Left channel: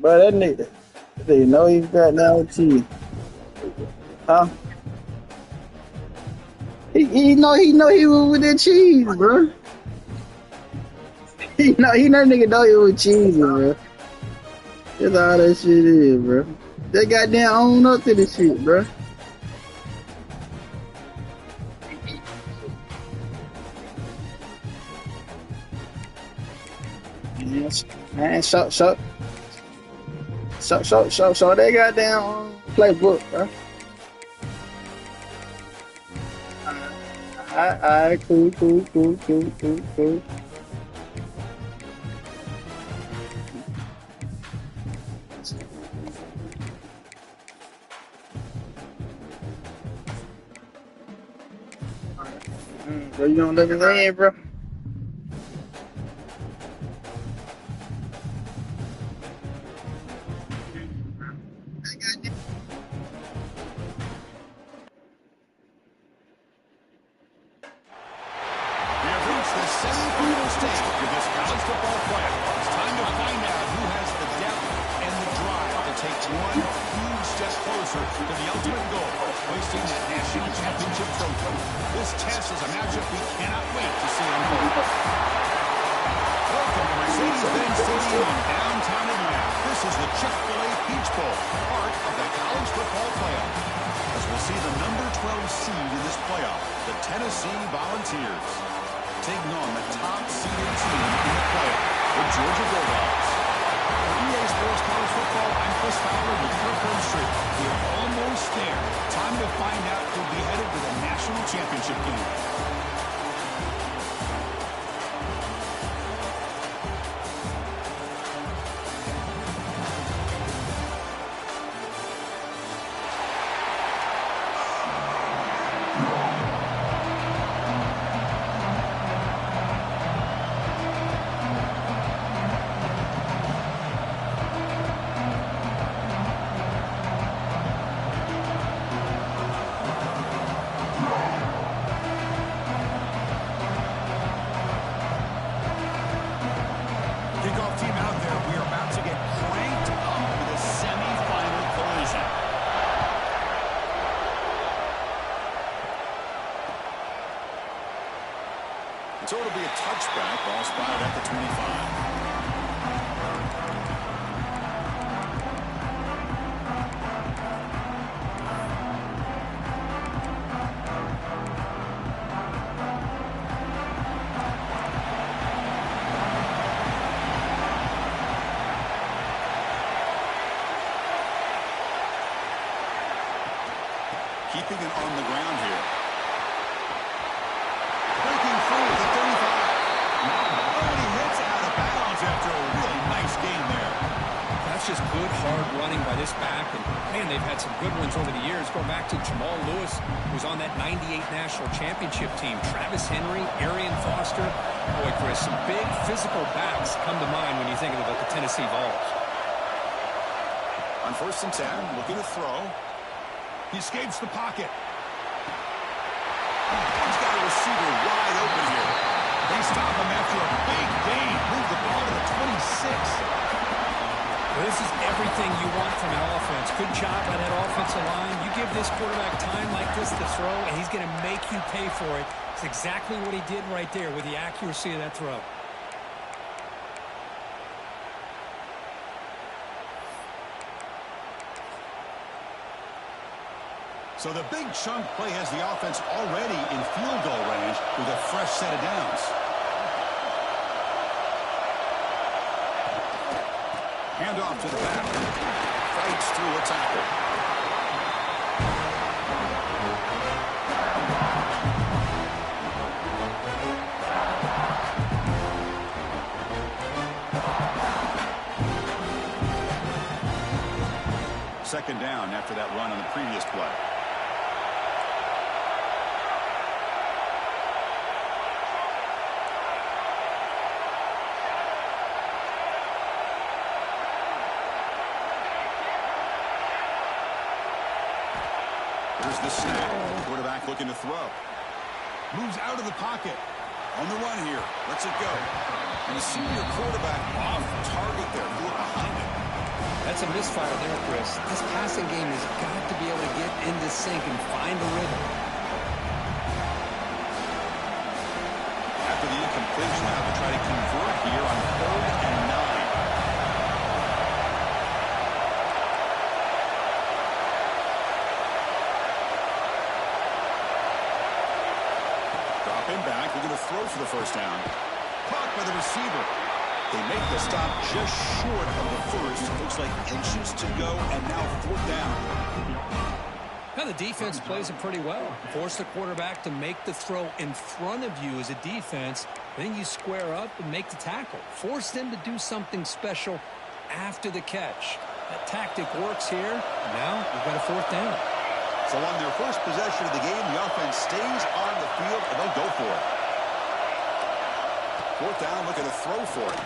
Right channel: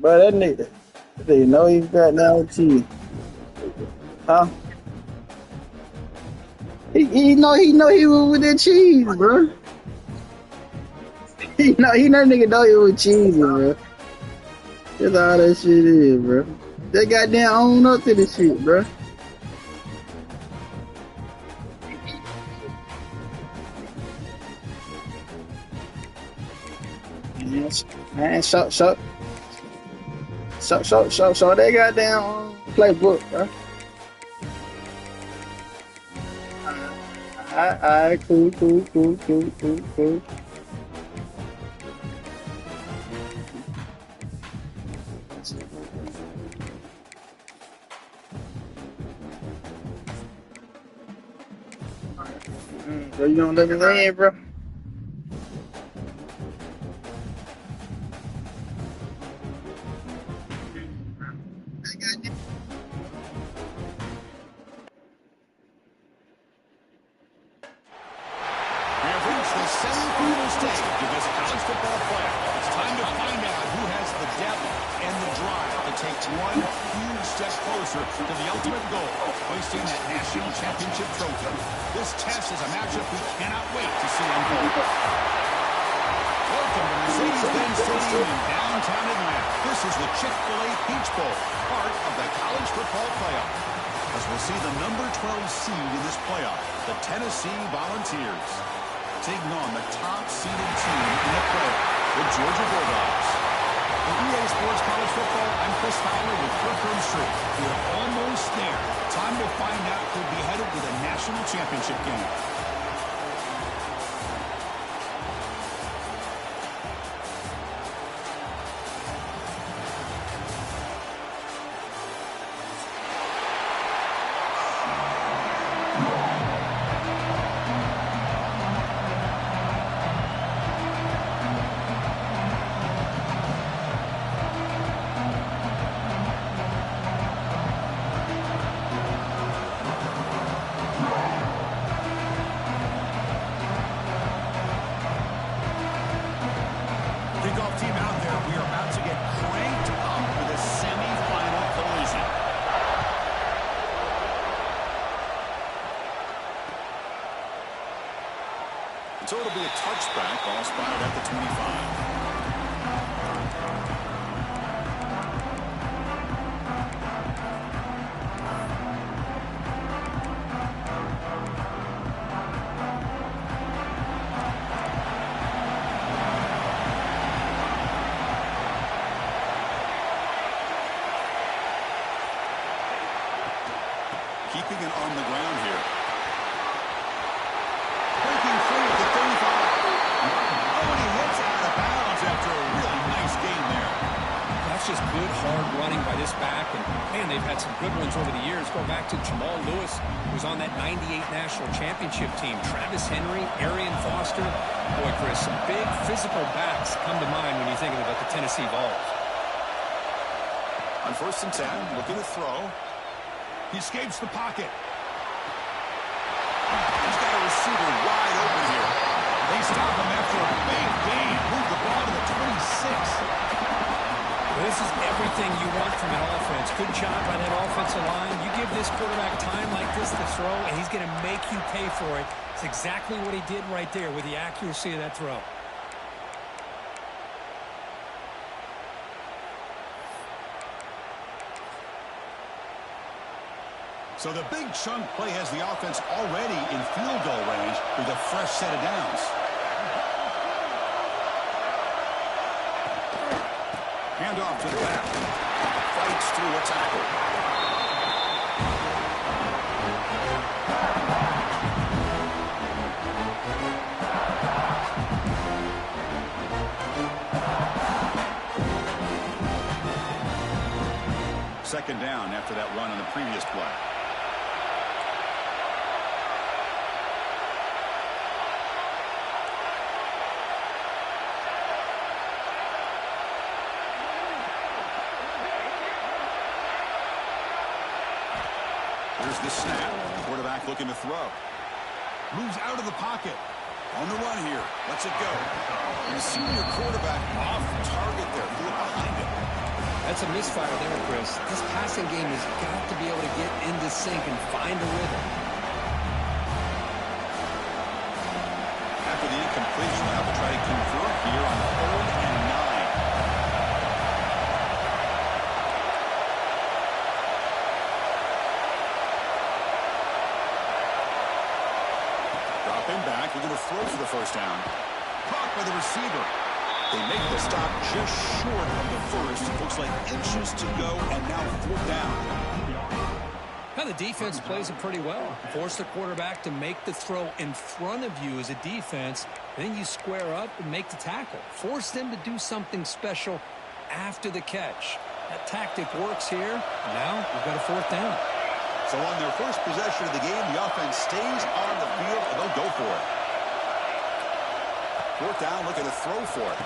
But that nigga, they know he got now cheese. Huh? He know he was with that cheese, bro. He know nigga know he was cheese, bro. That's all that shit is, bro. They goddamn own up to this shit, bro. Yes. Man, show they goddamn playbook, bro. Alright, cool. Bro, you gonna let me win, bro? We have reached the semifinal stage of this college football playoff. It's time to find out who has the depth and the drive to take one huge step closer to the ultimate goal, hoisting that national championship trophy. This test is a matchup we cannot wait to see unfold. Welcome to Mercedes-Benz Stadium in downtown Atlanta. This is the Chick-fil-A Peach Bowl, part of the college football playoff. As we'll see the number 12 seed in this playoff, the Tennessee Volunteers, taking on the top-seeded team in the playoff, the Georgia Bulldogs. For EA Sports College Football, I'm Chris Fowler with Kirk Herbstreit. We are almost there. Time to find out who'll be headed to the national championship game. Kickoff team out there. We are about to get cranked up with a semi-final collision. So it'll be a touchback, ball spotted at the 25. Keeping it on the ground here. Breaking free at the 35. Oh, and he hits out of bounds after a really nice game there. That's just good, hard running by this back. And, man, they've had some good ones over the years. Go back to Jamal Lewis, who's on that 98 national championship team. Travis Henry, Arian Foster. Boy, Chris, some big physical backs come to mind when you think about the Tennessee Vols. On 1st and 10, looking to throw. He escapes the pocket. He's got a receiver wide open here. They stop him after a big gain. Move the ball to the 26. Well, this is everything you want from an offense. Good job by that offensive line. You give this quarterback time like this to throw, and he's going to make you pay for it. It's exactly what he did right there with the accuracy of that throw. So the big chunk play has the offense already in field goal range with a fresh set of downs. Handoff to the back. Fights through a tackle. Second down after that run on the previous play. Here's the snap. Quarterback looking to throw. Moves out of the pocket. On the run here. Lets it go. And the senior quarterback off target there. Threw it behind it. That's a misfire there, Chris. This passing game has got to be able to get into sync and find a rhythm. After the incompletion, they'll have to try to convert here on 3rd and 9. Drop him back. They're going to throw for the first down. Caught by the receiver. They make the stop just short of the first. Looks like inches to go, and now 4th down. Now the defense plays it pretty well. Force the quarterback to make the throw in front of you as a defense. Then you square up and make the tackle. Force them to do something special after the catch. That tactic works here. Now we've got a 4th down. So on their first possession of the game, the offense stays on the field, and they'll go for it. 4th down, looking to throw for it.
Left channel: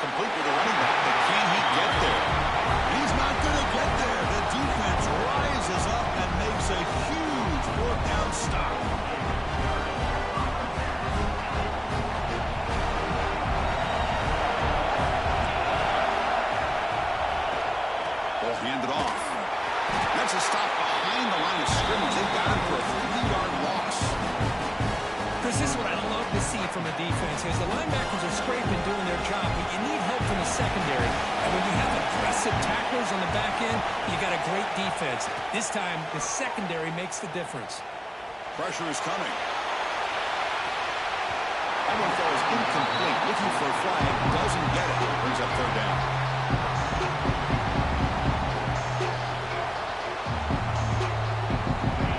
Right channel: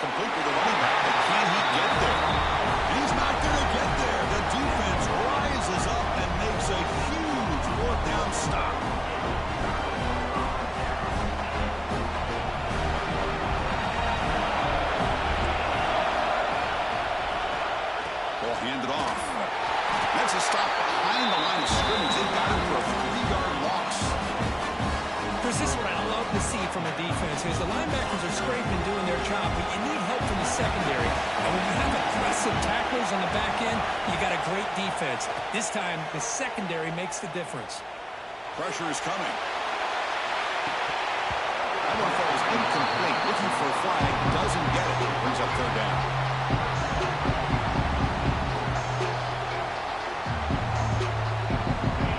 Complete with the running back, but can he get there? He's not going to get there. The defense rises up and makes a huge 4th down stop. Ball handed off. That's a stop behind the line of scrimmage. They've got him for a 3-yard loss. Chris, this is what I love to see from a defense is the linebackers are scraping, doing their job, but you need help from the secondary. And when you have aggressive tacklers on the back end, you got a great defense. This time, the secondary makes the difference. Pressure is coming. That one falls incomplete. Looking for a flag. Doesn't get it. Brings up 3rd down.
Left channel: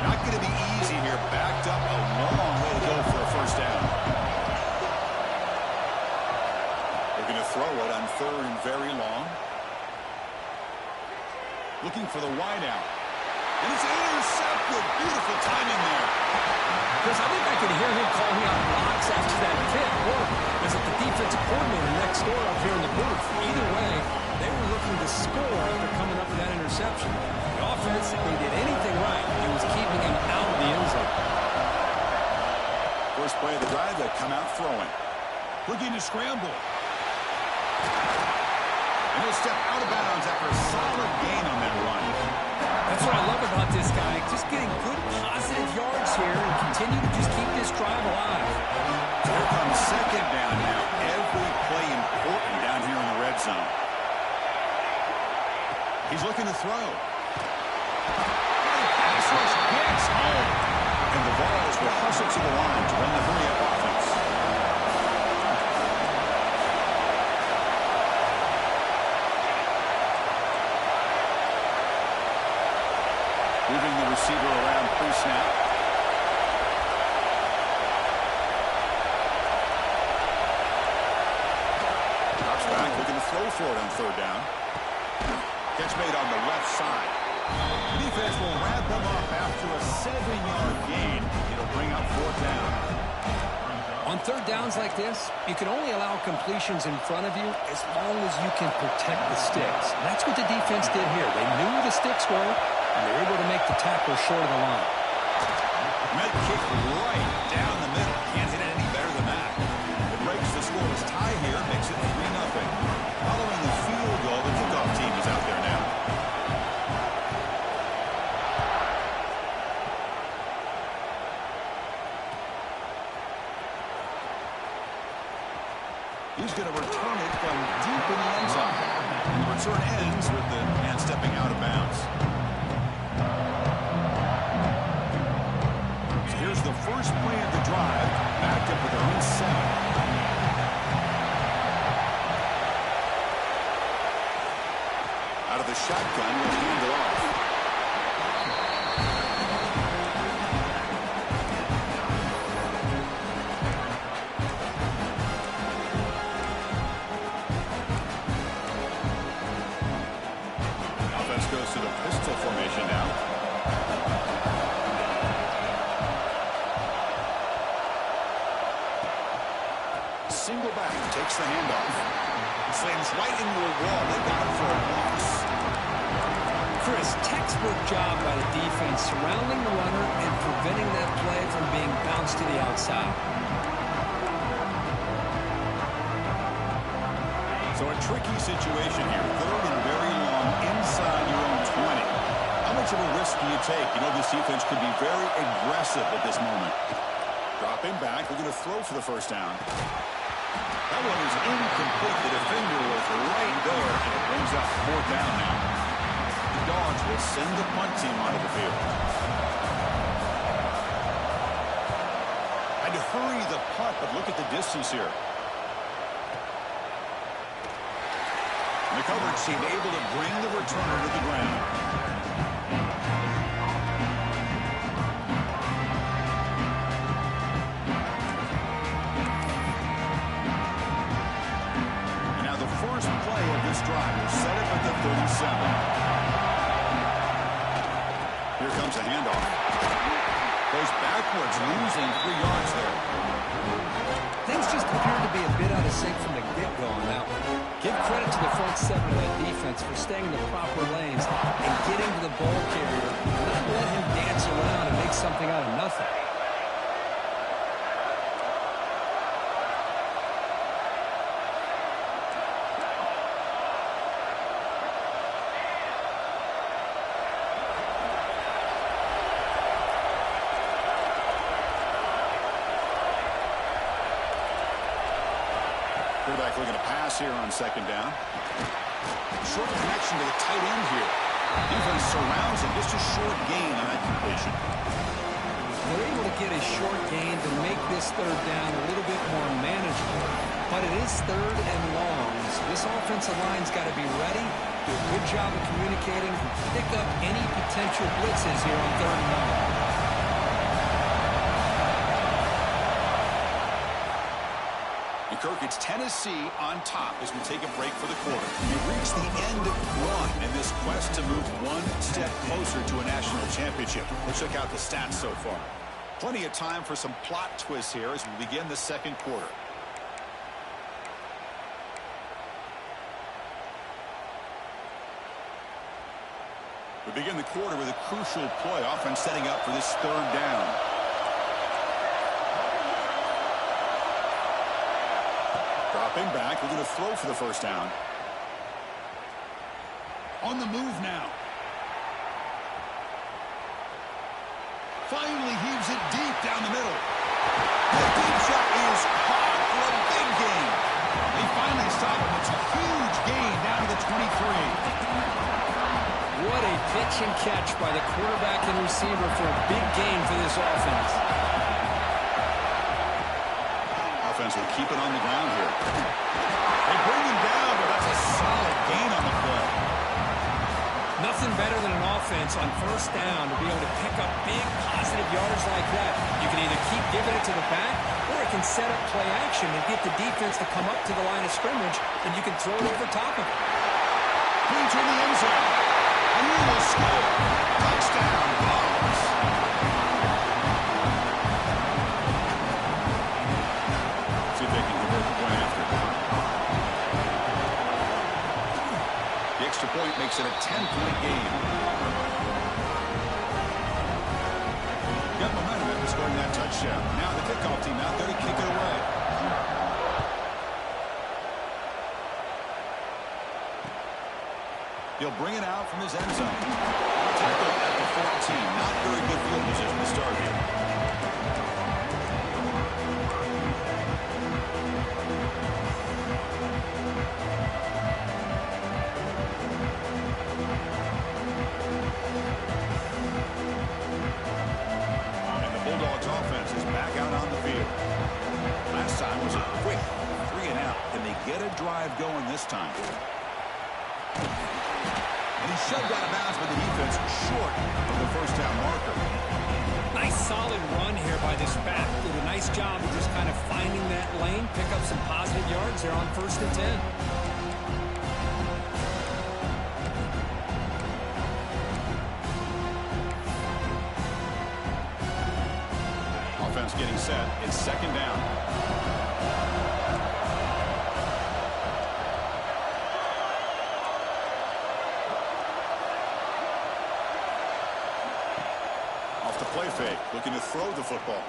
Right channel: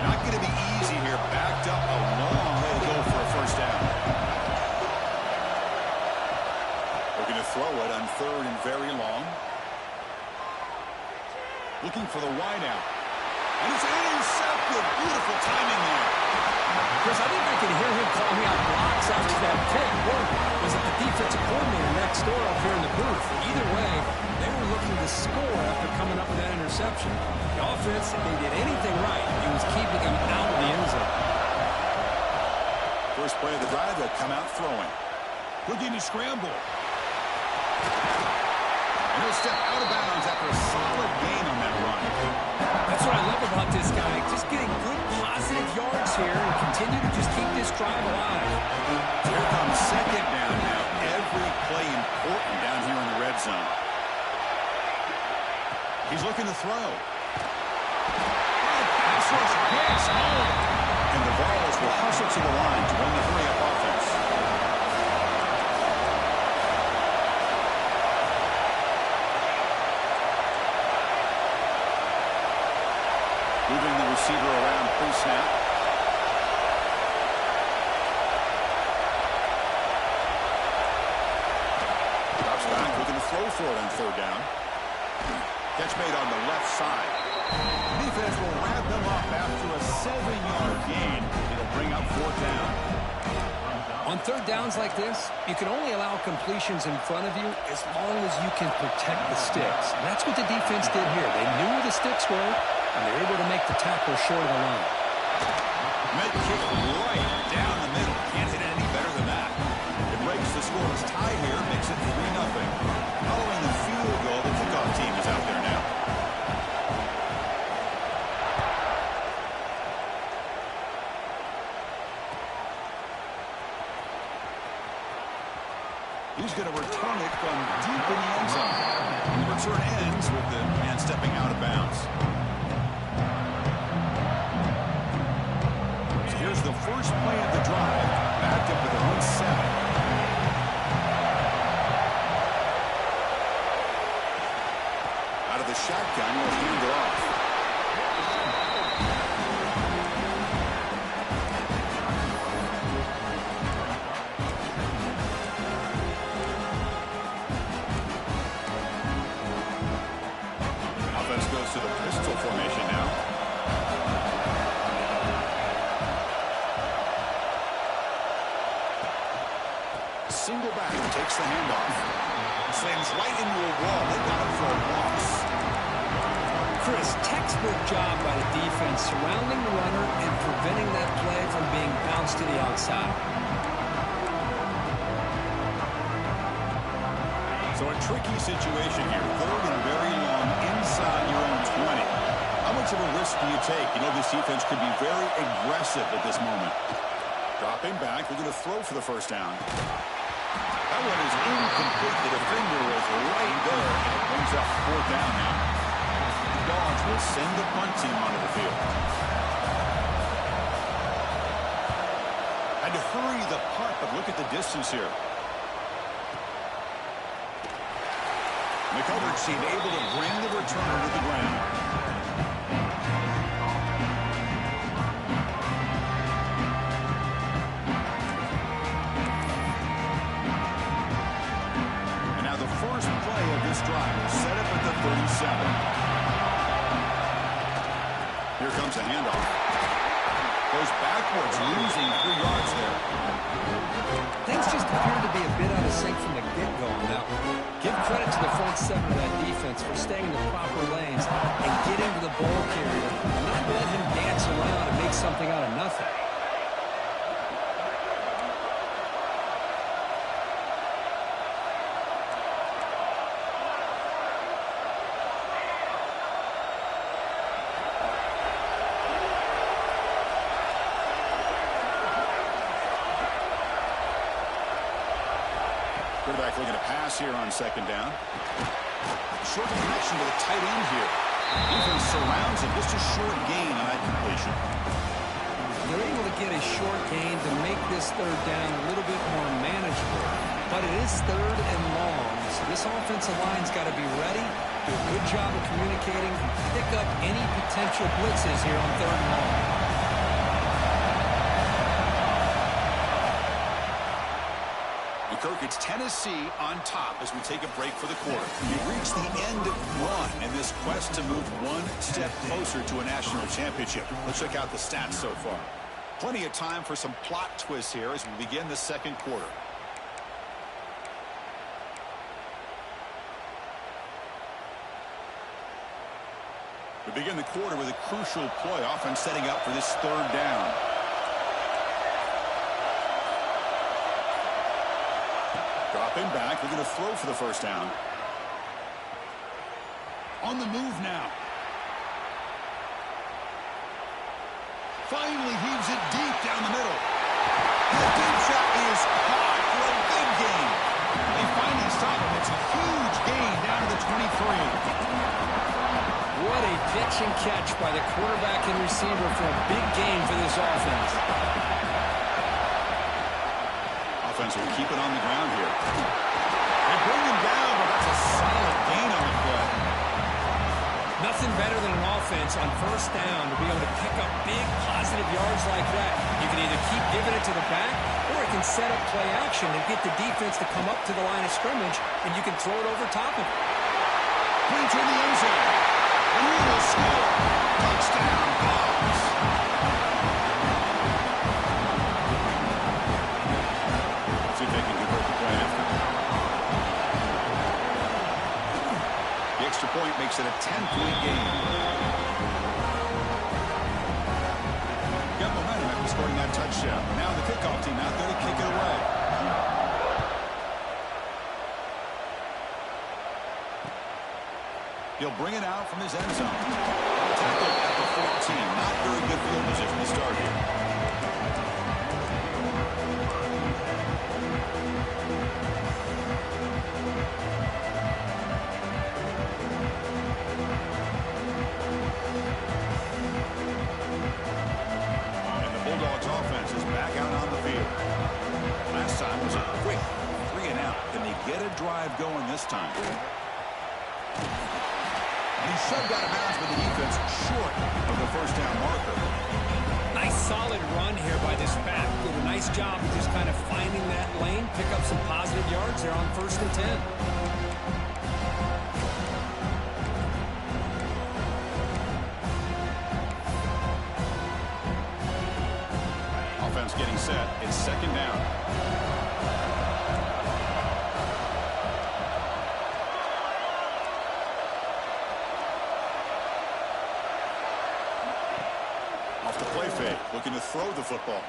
Not going to be easy here. Backed up a long way to go for a 1st down. Looking to throw it on 3rd and very long. Looking for the wideout. And it's intercepted. Beautiful timing there. Chris, I think I can hear him calling out blocks after that pick. Or was it the defensive coordinator next door up here in the booth? Either way, they were looking to score after coming up with that interception. The offense, if they did anything right, it was keeping him out of the end zone. First play of the drive, they'll come out throwing. Looking to scramble. And he'll step out of bounds after a solid gain on that run. That's what I love about this guy. Just getting good positive yards here and continue to just keep this drive alive. Here comes 2nd down now. Every play important down here in the red zone. He's looking to throw. The pass rush gets home. And the Vols will hustle to the line to run the hurry-up offense. Moving the receiver around pre-snap. Drops back, looking to throw for it on 3rd down. Catch made on the left side. The defense will wrap them up after a 7-yard gain. It'll bring up 4th down. On 3rd downs like this, you can only allow completions in front of you as long as you can protect the sticks. And that's what the defense did here. They knew where the sticks were, and they were able to make the tackle short of the line. Med kick right down the middle. Can't hit it any better than that. It breaks the scoreless tie here, makes it 3-0. Following the field goal, the kickoff team is out there now. He's going to return it from deep in the end zone. And the return ends with the man stepping out of bounds. So here's the first play of the drive, backed up with their own 7. Out of the shotgun, he'll hand it off. Offense goes to the pistol formation now. Single back, takes the handoff. Slams right into a wall. They got him for a loss. Chris, textbook job by the defense surrounding the runner and preventing that play from being bounced to the outside. So a tricky situation here. Third and very long inside your own 20. How much of a risk do you take? You know, this defense could be very aggressive at this moment. Dropping back, looking to throw for the first down. That one is incomplete. The defender was right there, and it brings up fourth down now. The Dogs will send the punt team onto the field. Had to hurry the punt, but look at the distance here. The coverage team able to bring the returner to the ground. And now the first play of this drive is set up at the 37. Here comes a handoff. Goes backwards, losing 3 yards there. Things just appeared to be a bit out of sync from the get-go on that one. Give credit to the front seven of that defense for staying in the proper lanes and getting to the ball carrier, not let him dance around and make something out of nothing. Quarterback looking to pass here on second down. Short connection to the tight end here. Defense surrounds him. Just a short gain on that completion. They're able to get a short gain to make this third down a little bit more manageable. But it is third and long, so this offensive line's got to be ready, do a good job of communicating, and pick up any potential blitzes here on third and long. Kirk, it's Tennessee on top as we take a break for the quarter. You've reached the end of one in this quest to move one step closer to a national championship. Let's check out the stats so far. Plenty of time for some plot twists here as we begin the second quarter. We begin the quarter with a crucial play, offense setting up for this third down. Dropping back, looking to throw for the first down. On the move now. Finally heaves it deep down the middle. The deep shot is caught for a big gain. They finally stop him. It's a huge gain down to the 23. What a pitch and catch by the quarterback and receiver for a big gain for this offense. Offense will keep it on the ground here. They bring him down, but that's a solid gain on the play. Nothing better than an offense on first down to be able to pick up big positive yards like that. You can either keep giving it to the back, or it can set up play action and get the defense to come up to the line of scrimmage, and you can throw it over top of it. Brings in the end zone, and he will score. Touchdown, Dogs. See if they can convert the point after. The extra point makes it a 10-point game. Got momentum after scoring that touchdown. Now the kickoff team out there to kick it away. He'll bring it out from his end zone. Tackled at the 14. Not very good field position to start here. Offense is back out on the field. Last time was a quick 3-and-out. Can they get a drive going this time? And he shoved out of bounds with the defense short of the first down marker. Nice solid run here by this back. Did a nice job of just kind of finding that lane, pick up some positive yards there on 1st and 10. Offense getting set. It's second down. Off the play fake. Looking to throw the football.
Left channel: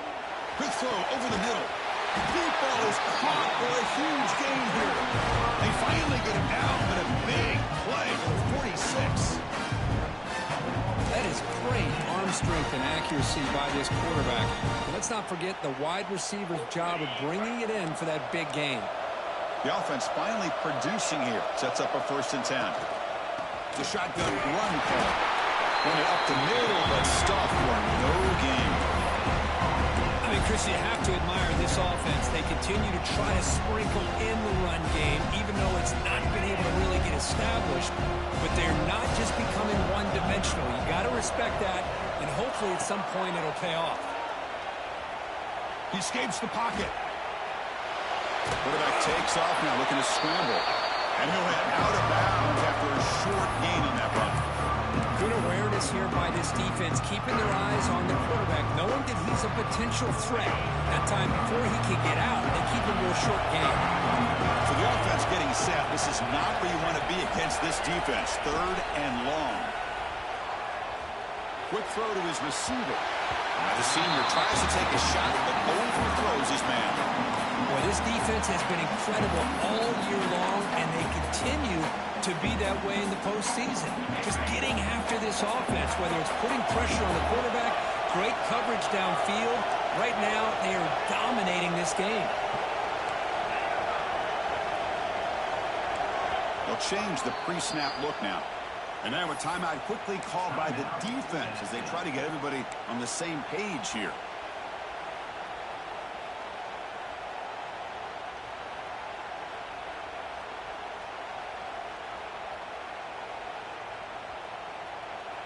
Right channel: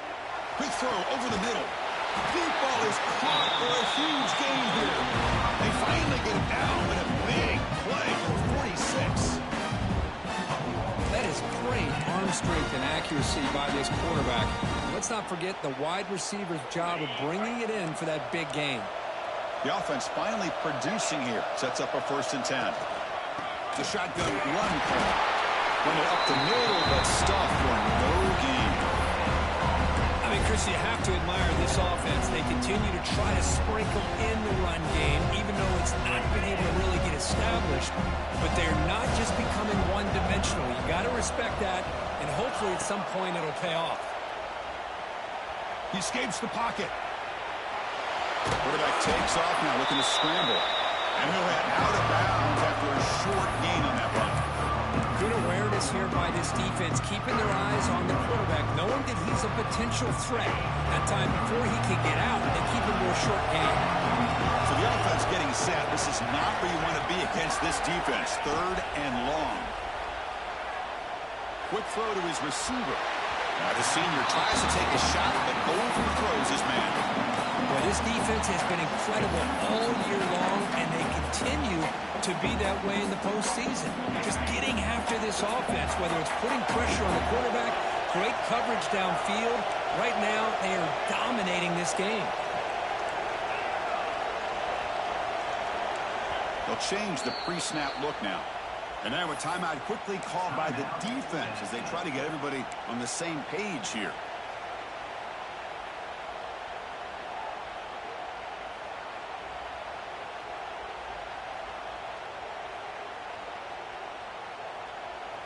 Quick throw over the middle. Deep ball is caught for a huge gain here. They finally get him down, but a big play for the 46. That is great arm strength and accuracy by this quarterback. And let's not forget the wide receiver's job of bringing it in for that big gain. The offense finally producing here. Sets up a 1st and 10. The shotgun run call. Run it up the middle, but stuffed for no gain. I mean, Chris, you have to admire this offense. They continue to try to sprinkle in the run game, even though it's not been able to really get established. But they're not just becoming one-dimensional. You got to respect that, and hopefully at some point it'll pay off. He escapes the pocket. Quarterback takes off now, looking to scramble. And he'll head out of bounds after a short gain on that run. Good awareness here by this defense, keeping their eyes on the quarterback, knowing that he's a potential threat. That time before he can get out, they keep him to a short gain. So the offense getting set. This is not where you want to be against this defense. 3rd and long. Quick throw to his receiver. Now the senior tries to take a shot, but overthrows his man. Boy, this defense has been incredible all year long, and they continue to be that way in the postseason. Just getting after this offense, whether it's putting pressure on the quarterback, great coverage downfield. Right now, they are dominating this game. They'll change the pre-snap look now. And now a timeout quickly called by the defense as they try to get everybody on the same page here.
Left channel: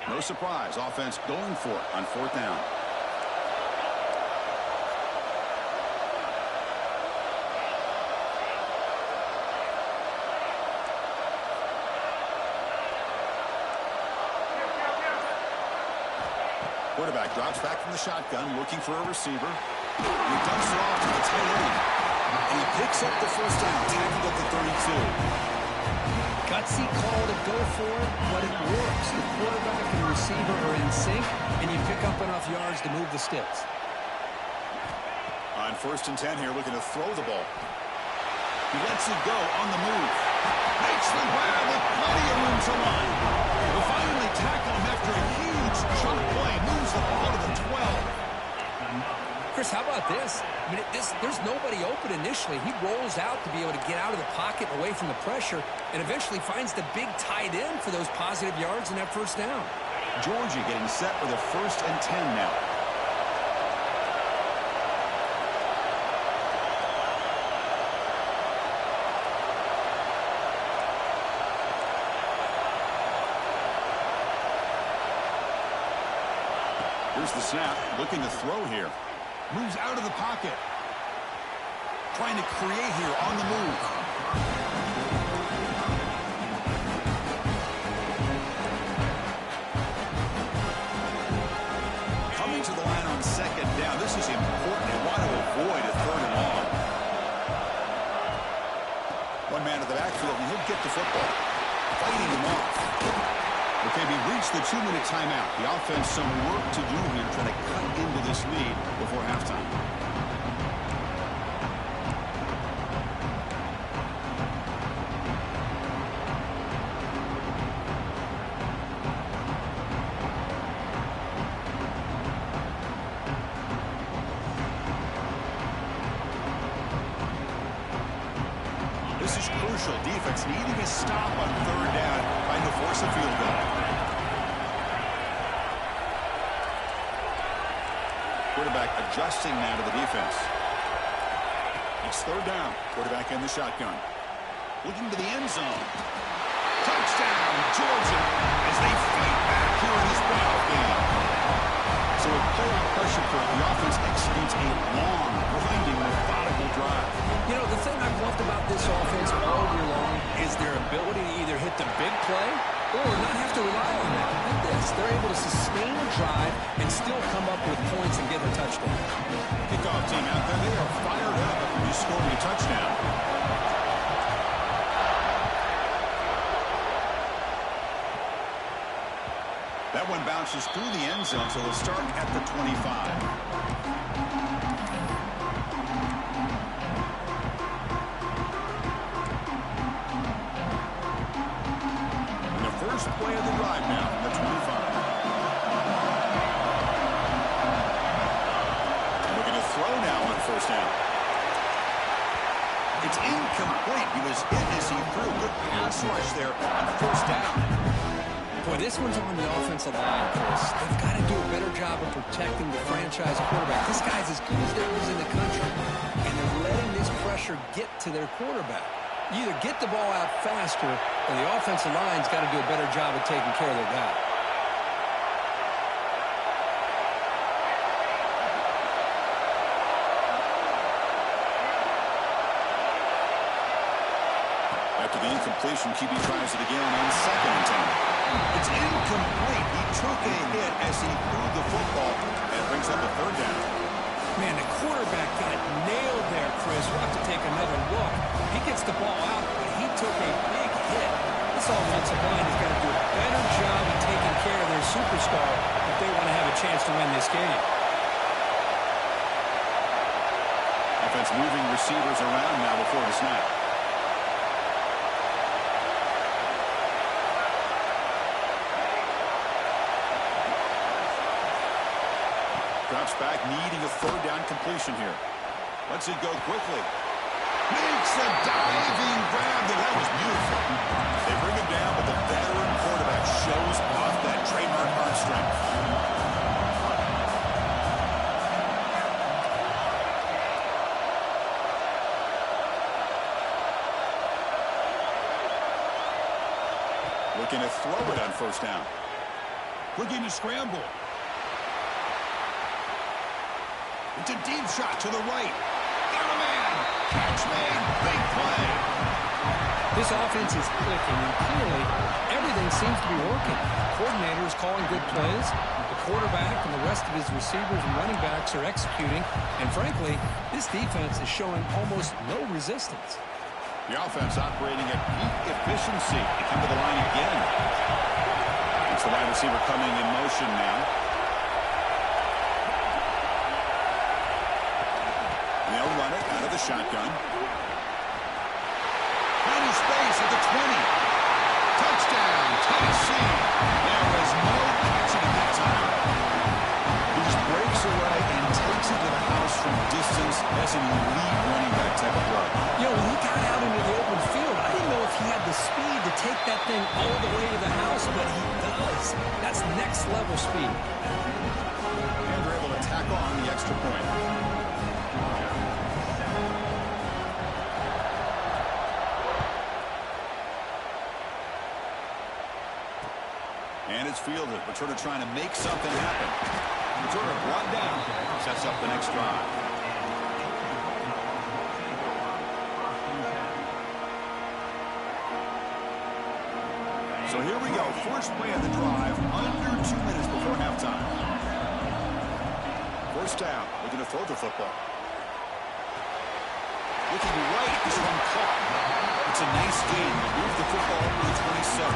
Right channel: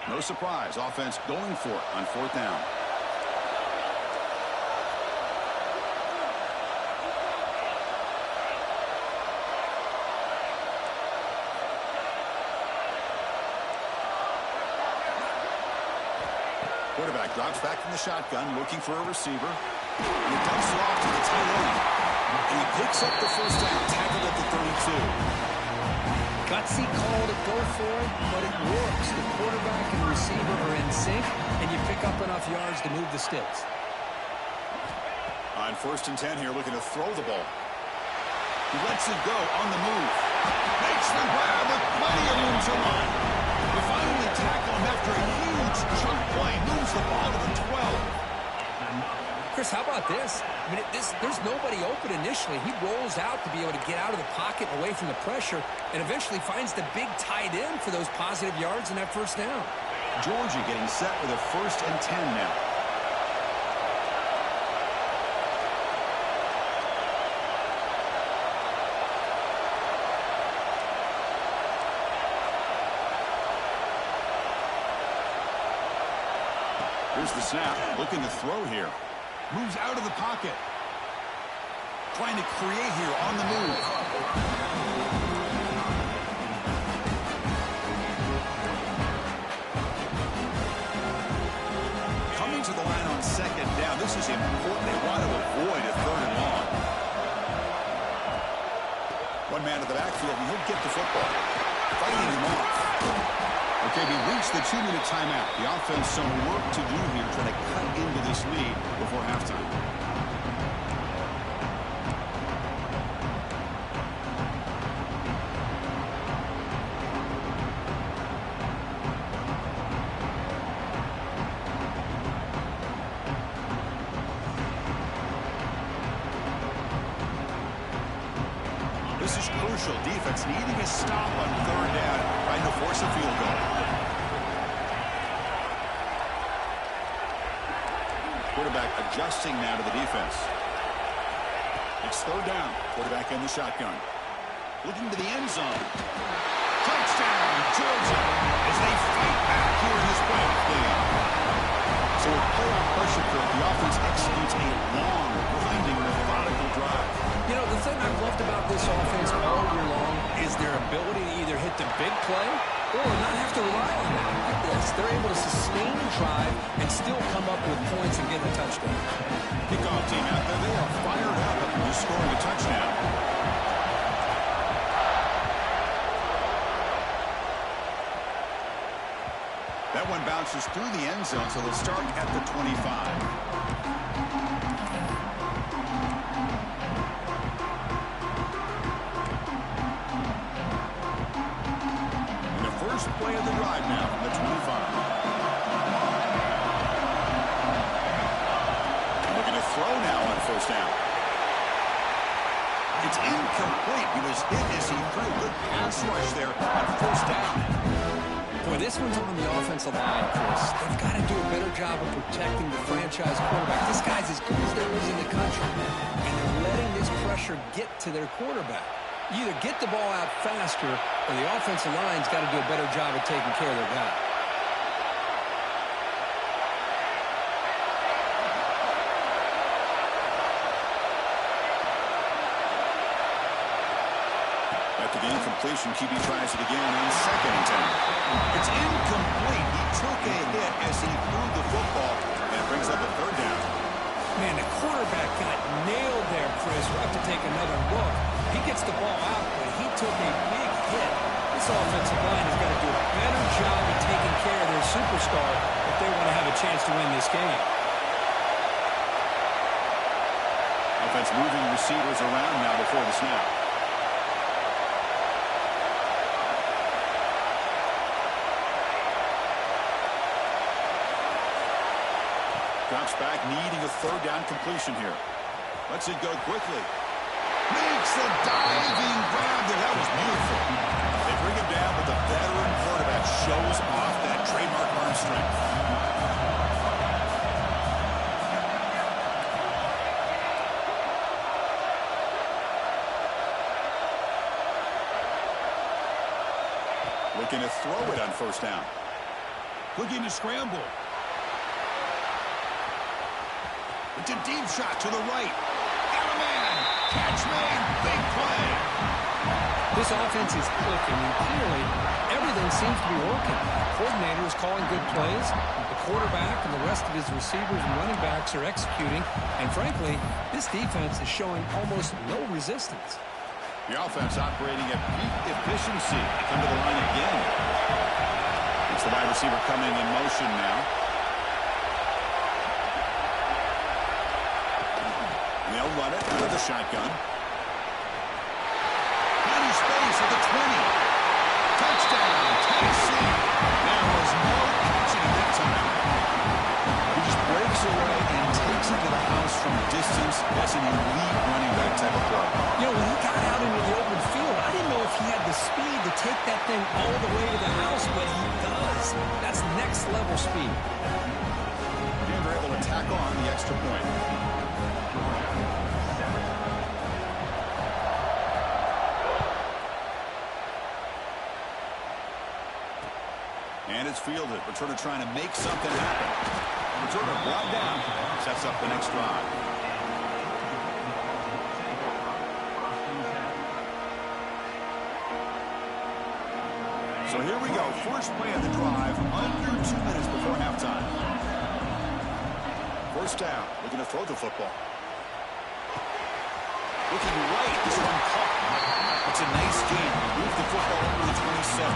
No surprise, offense going for it on 4th down. Quarterback drops back from the shotgun, looking for a receiver. And he dumps it off to the tight end. And he picks up the 1st down, tackled at the 32. Gutsy call to go for it, but it works. The quarterback and receiver are in sync, and you pick up enough yards to move the sticks. On 1st and 10 here, looking to throw the ball. He lets it go on the move. Makes the grab with plenty of room to run. Will finally tackle him after a huge chunk play. Moves the ball to the 12. Chris, how about this? I mean, there's nobody open initially. He rolls out to be able to get out of the pocket away from the pressure and eventually finds the big tight end for those positive yards in that 1st down. Georgia getting set with a 1st and 10 now. Here's the snap, looking to throw here. Moves out of the pocket. Trying to create here on the move. Coming to the line on 2nd down. This is important. They want to avoid a 3rd and long. One man to the backfield, and he'll get the football. Fighting him off. Okay, we reached the 2-minute timeout. The offense some work to do here, trying to cut into this lead before halftime. This is crucial. Defense needing a stop on 3rd down, trying to force a field goal. Quarterback adjusting now to the defense. It's 3rd down. Quarterback in the shotgun. Looking to the end zone. Touchdown, Georgia, as they fight back here in this playoff game. So with playoff pressure, the offense executes a long, grinding, methodical drive. You know, the thing I've loved about this offense all year long is their ability to either hit the big play or not have to rely on that. Like this, they're able to sustain a drive and still come up with points and get a touchdown. Kickoff team out there, they are fired up after just scoring a touchdown. That one bounces through the end zone, so they'll start at the 25. first play of the drive now from the 25. Looking to throw now on first down. It's incomplete. He was hit as he threw. Good pass rush there on first down. Boy, this one's on the offensive line, Chris. They've got to do a better job of protecting the franchise quarterback. This guy's as good as there is in the country, and they're letting this pressure get to their quarterback. You either get the ball out faster, or the offensive line's got to do a better job of taking care of their guy. After the incompletion, QB tries it again on 2nd and 10. It's incomplete. He took a hit as he threw the football, and it brings up a 3rd down. Man, the quarterback got nailed there, Chris. We'll have to take another look. He gets the ball out, but he took a big hit. This offensive line has got to do a better job of taking care of their superstar if they want to have a chance to win this game. Offense moving receivers around now before the snap. Drops back, needing a 3rd down completion here. Lets it go quickly. Makes a diving grab there. That was beautiful. They bring him down, but the veteran quarterback shows off that trademark arm strength. Looking to throw it on first down. Looking to scramble. It's a deep shot to the right. Got a man. Catch made. Big play. This offense is clicking, and clearly everything seems to be working. The coordinator is calling good plays. The quarterback and the rest of his receivers and running backs are executing. And frankly, this defense is showing almost no resistance. The offense operating at peak efficiency. They come to the line again. It's the wide receiver coming in motion now. They'll run it out of the shotgun. Plenty space at the 20. Touchdown, Tennessee. There was no catching him that time. He just breaks away and takes it to the house from distance. That's an elite running back type of play. You know, when he got out into the open field, I didn't know if he had the speed to take that thing all the way to the house, but he does. That's next level speed. And they're able to tack on the extra point. And it's fielded. Returner trying to make something happen. Returner brought down. Sets up the next drive. So here we go. First play of the drive. Under 2 minutes before halftime. First down. Looking to throw the football. Looking right. This one caught. It's a nice gain. Move the football over the 27.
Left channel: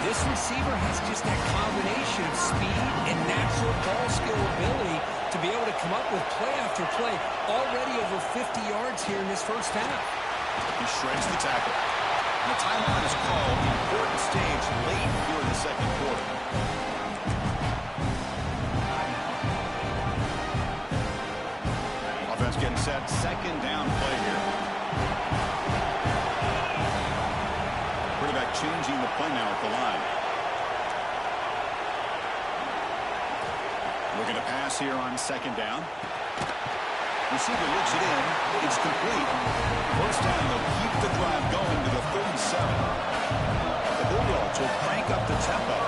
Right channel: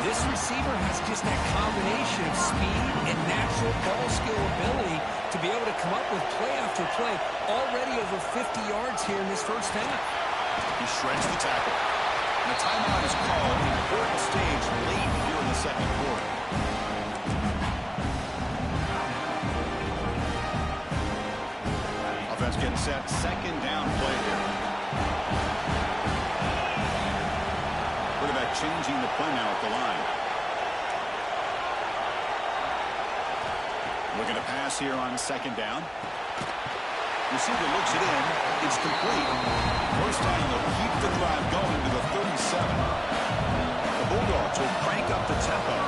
This receiver has just that combination of speed and natural ball skill ability to be able to come up with play after play. Already over 50 yards here in this first half. He shreds the tackle. And a timeout is called. Important stage late here in the second quarter. Offense getting set. Second down play here. Quarterback changing the play now at the line. Looking to pass here on second down. Receiver looks it in. It's complete. First down, they'll keep the drive going to the 37. The Bulldogs will crank up the tempo.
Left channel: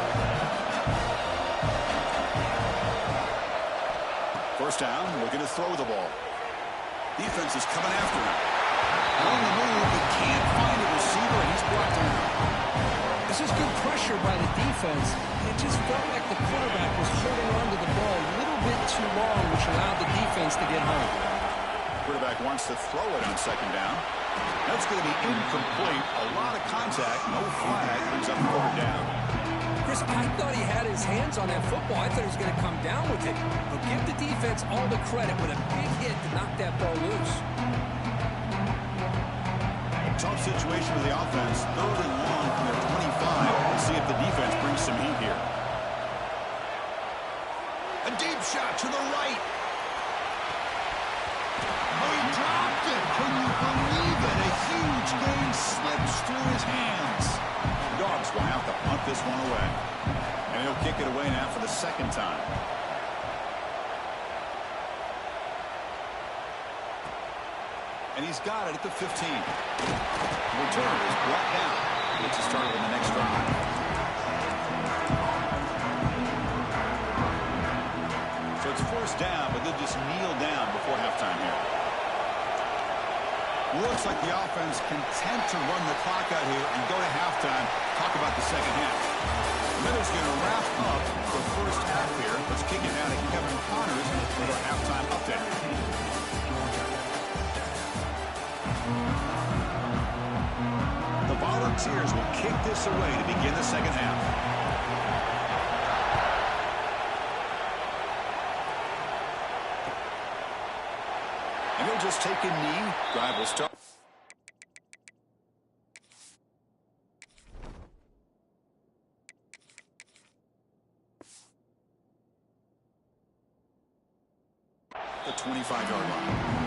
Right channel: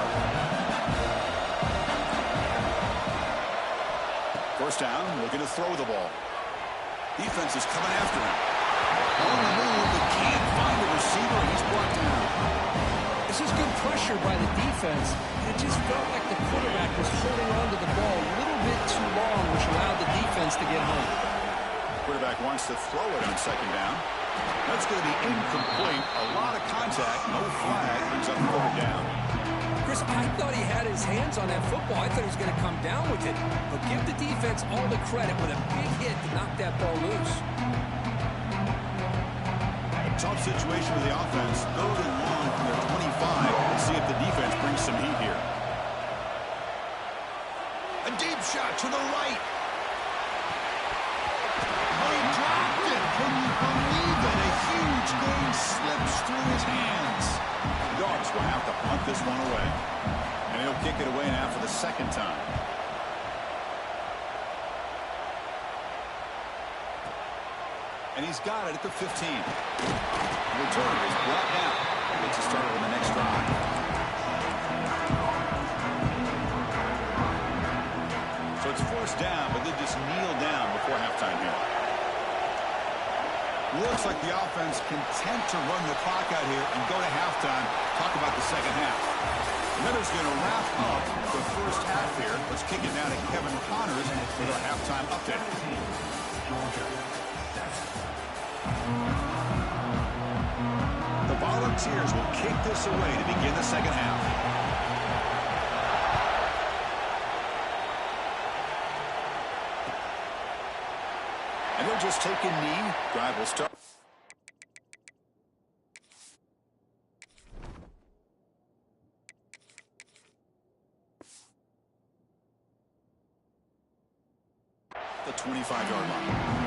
First down, looking to throw the ball. Defense is coming after him. On the move, but can't find a receiver, and he's brought down. This is good pressure by the defense. It just felt like the quarterback was holding on to the ball a little bit too long, which allowed the defense to get home. Quarterback wants to throw it on second down. That's going to be incomplete. A lot of contact, no flag, brings up third down. Chris, I thought he had his hands on that football. I thought he was going to come down with it. But give the defense all the credit with a big hit to knock that ball loose. Tough situation with the offense. Third and long from their 25. Let's see if the defense brings some heat here. A deep shot to the right. Oh, he dropped it. Can you believe it? A huge gain slips through his hands. The Dogs will have to punt this one away. And he'll kick it away now for the second time. And he's got it at the 15. The return is brought down. Gets us started on the next drive. So it's first down, but they'll just kneel down before halftime here. Looks like the offense content to run the clock out here and go to halftime. Talk about the second half. Miller's going to wrap up the first half here. Let's kick it down to Kevin Connors with our halftime update. The Volunteers will kick this away to begin the second half. And he'll just take a knee. Drive will start. The 25-yard line.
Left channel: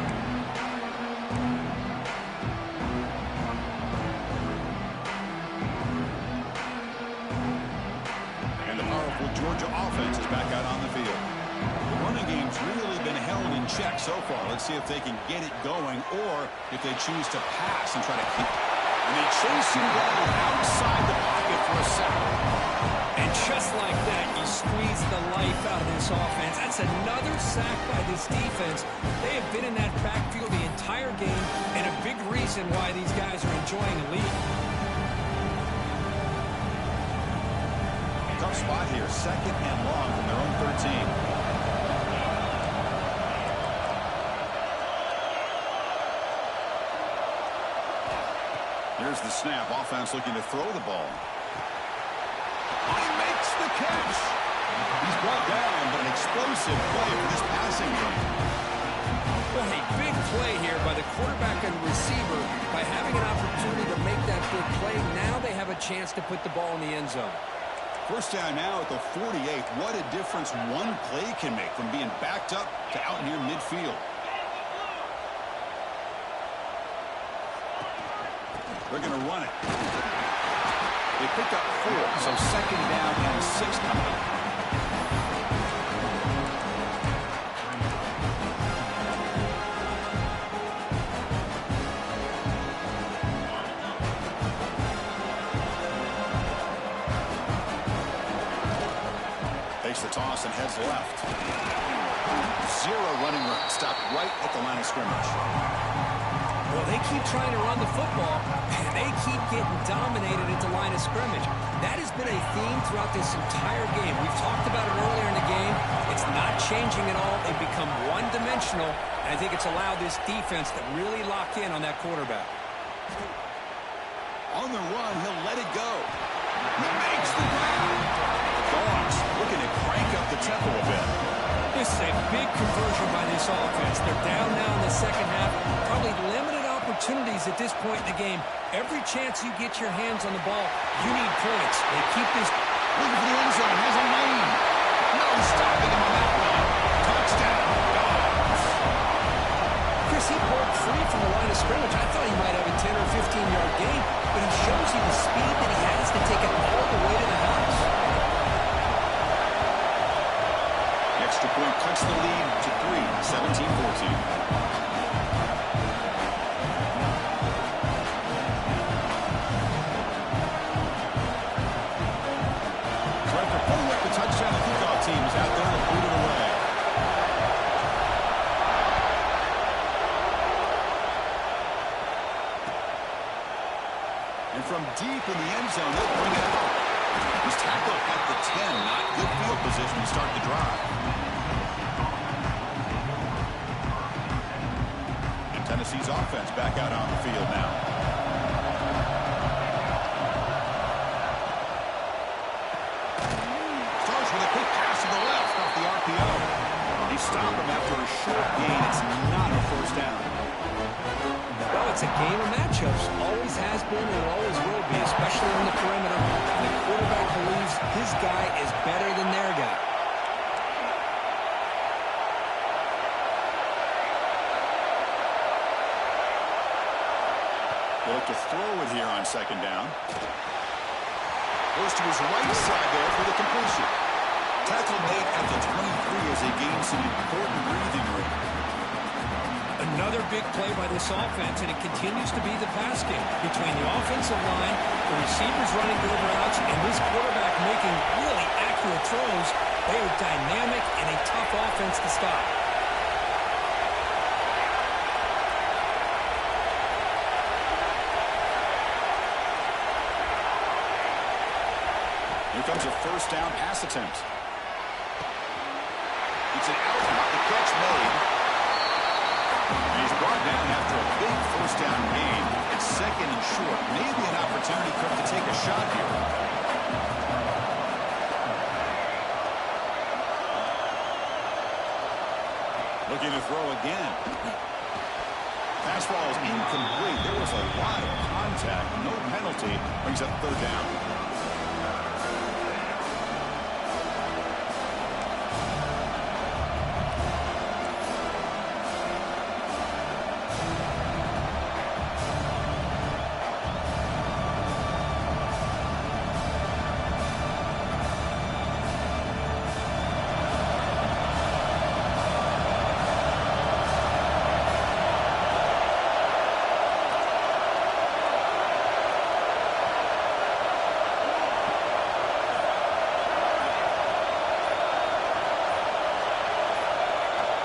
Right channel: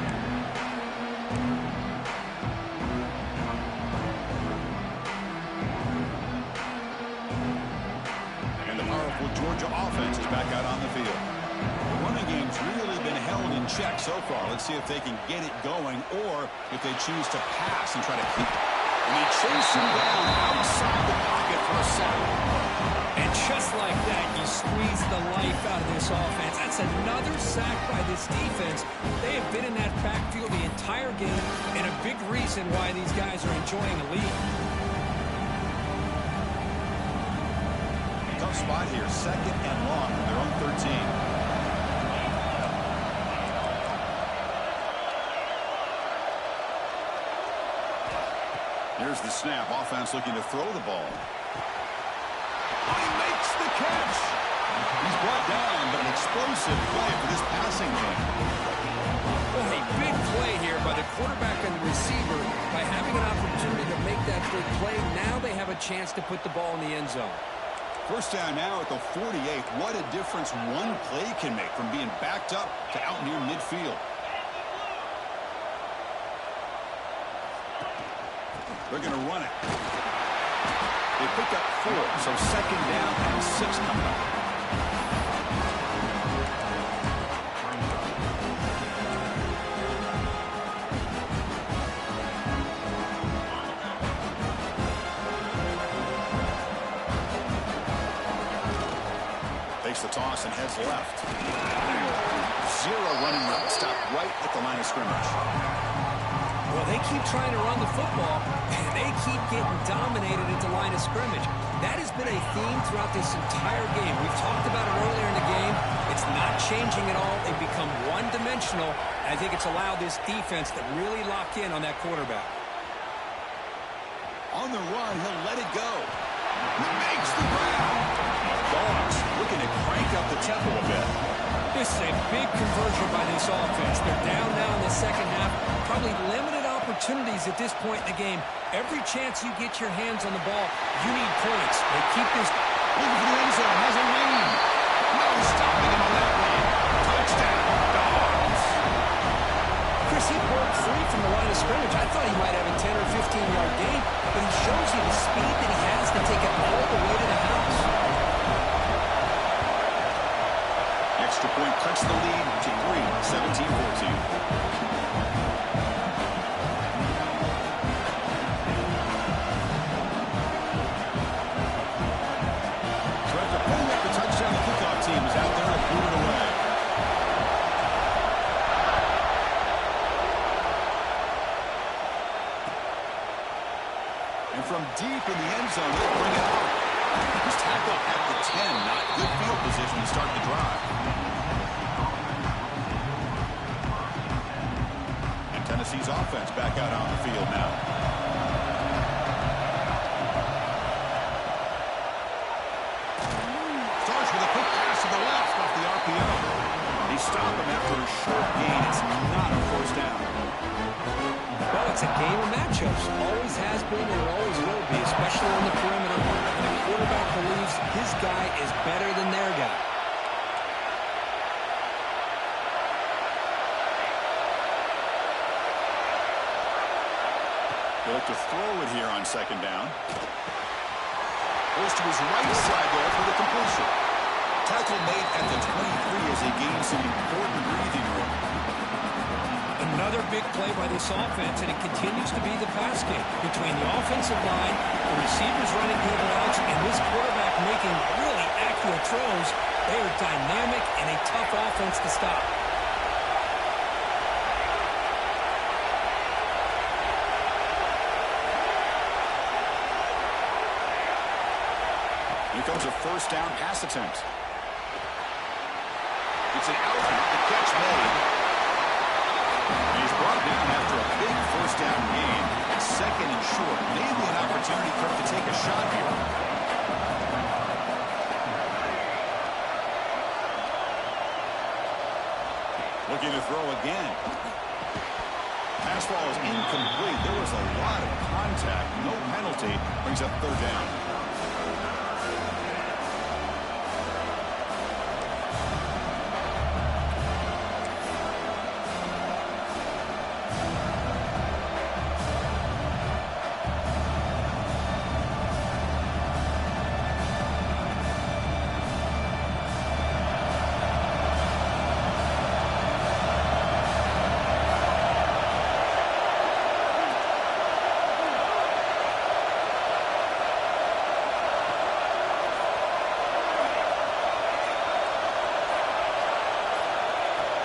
Georgia offense is back out on the field. The running game's really been held in check so far. Let's see if they can get it going or if they choose to pass and try to keep. And they chase him down outside the pocket for a sack. And just like that, you squeeze the life out of this offense. That's another sack by this defense. They have been in that backfield the entire game, and a big reason why these guys are enjoying a lead. Tough spot here, second and long from their own 13. Here's the snap. Offense looking to throw the ball. Oh, he makes the catch. He's brought down, but an explosive play for this passing game. Well, a big play here by the quarterback and receiver. By having an opportunity to make that big play, now they have a chance to put the ball in the end zone. First down now at the 48. What a difference one play can make from being backed up to out near midfield. They're going to run it. They pick up 4, so second down and 6 coming up. Takes the toss and heads left. 0 running room. Stopped right at the line of scrimmage. Well, they keep trying to run the football, and they keep getting dominated at the line of scrimmage. That has been a theme throughout this entire game. We've talked about it earlier in the game. It's not changing at all. They've become one-dimensional, and I think it's allowed this defense to really lock in on that quarterback. On the run, he'll let it go. He makes the grab. Dogs looking to crank up the tempo a bit. This is a big conversion by this offense. They're down now in the second half. Probably limited opportunities at this point in the game. Every chance you get your hands on the ball, you need points. They keep this. Looking for the end zone. Has a lane. No stopping him on that one. Touchdown, Dogs. Chris, he broke free from the line of scrimmage. I thought he might have a 10 or 15-yard gain, but he shows you the speed that he has to take it all the way to the house. Extra point cuts the lead to 3, 17-14. So after pulling up the touchdown, the kickoff team is out there to boot it away. And from deep in the end zone, they'll bring it out. He's tackled at the 10. Not good field position to start the drive. And Tennessee's offense back out on the field now. Starts with a quick pass to the left off the RPO. They stop him after a short gain. It's not a first down. Well, it's a game of matchups. Always has been and always will be, especially on the perimeter. And the quarterback believes his guy is better than their guy. They look to throw it here on second down. Goes to his right side there for the completion. Tackle made at the 23 as he gains some important breathing room. Another big play by this offense, and it continues to be the pass game. Between the offensive line, the receivers running good routes, and this quarterback making really accurate throws, they are dynamic and a tough offense to stop. Here comes a first down pass attempt. It's an out route, the catch made. And he's brought down after a big first down gain. It's second and short. Maybe an opportunity for him to take a shot here. Looking to throw again. Pass ball is incomplete. There was a lot of contact. No penalty. Brings up third down.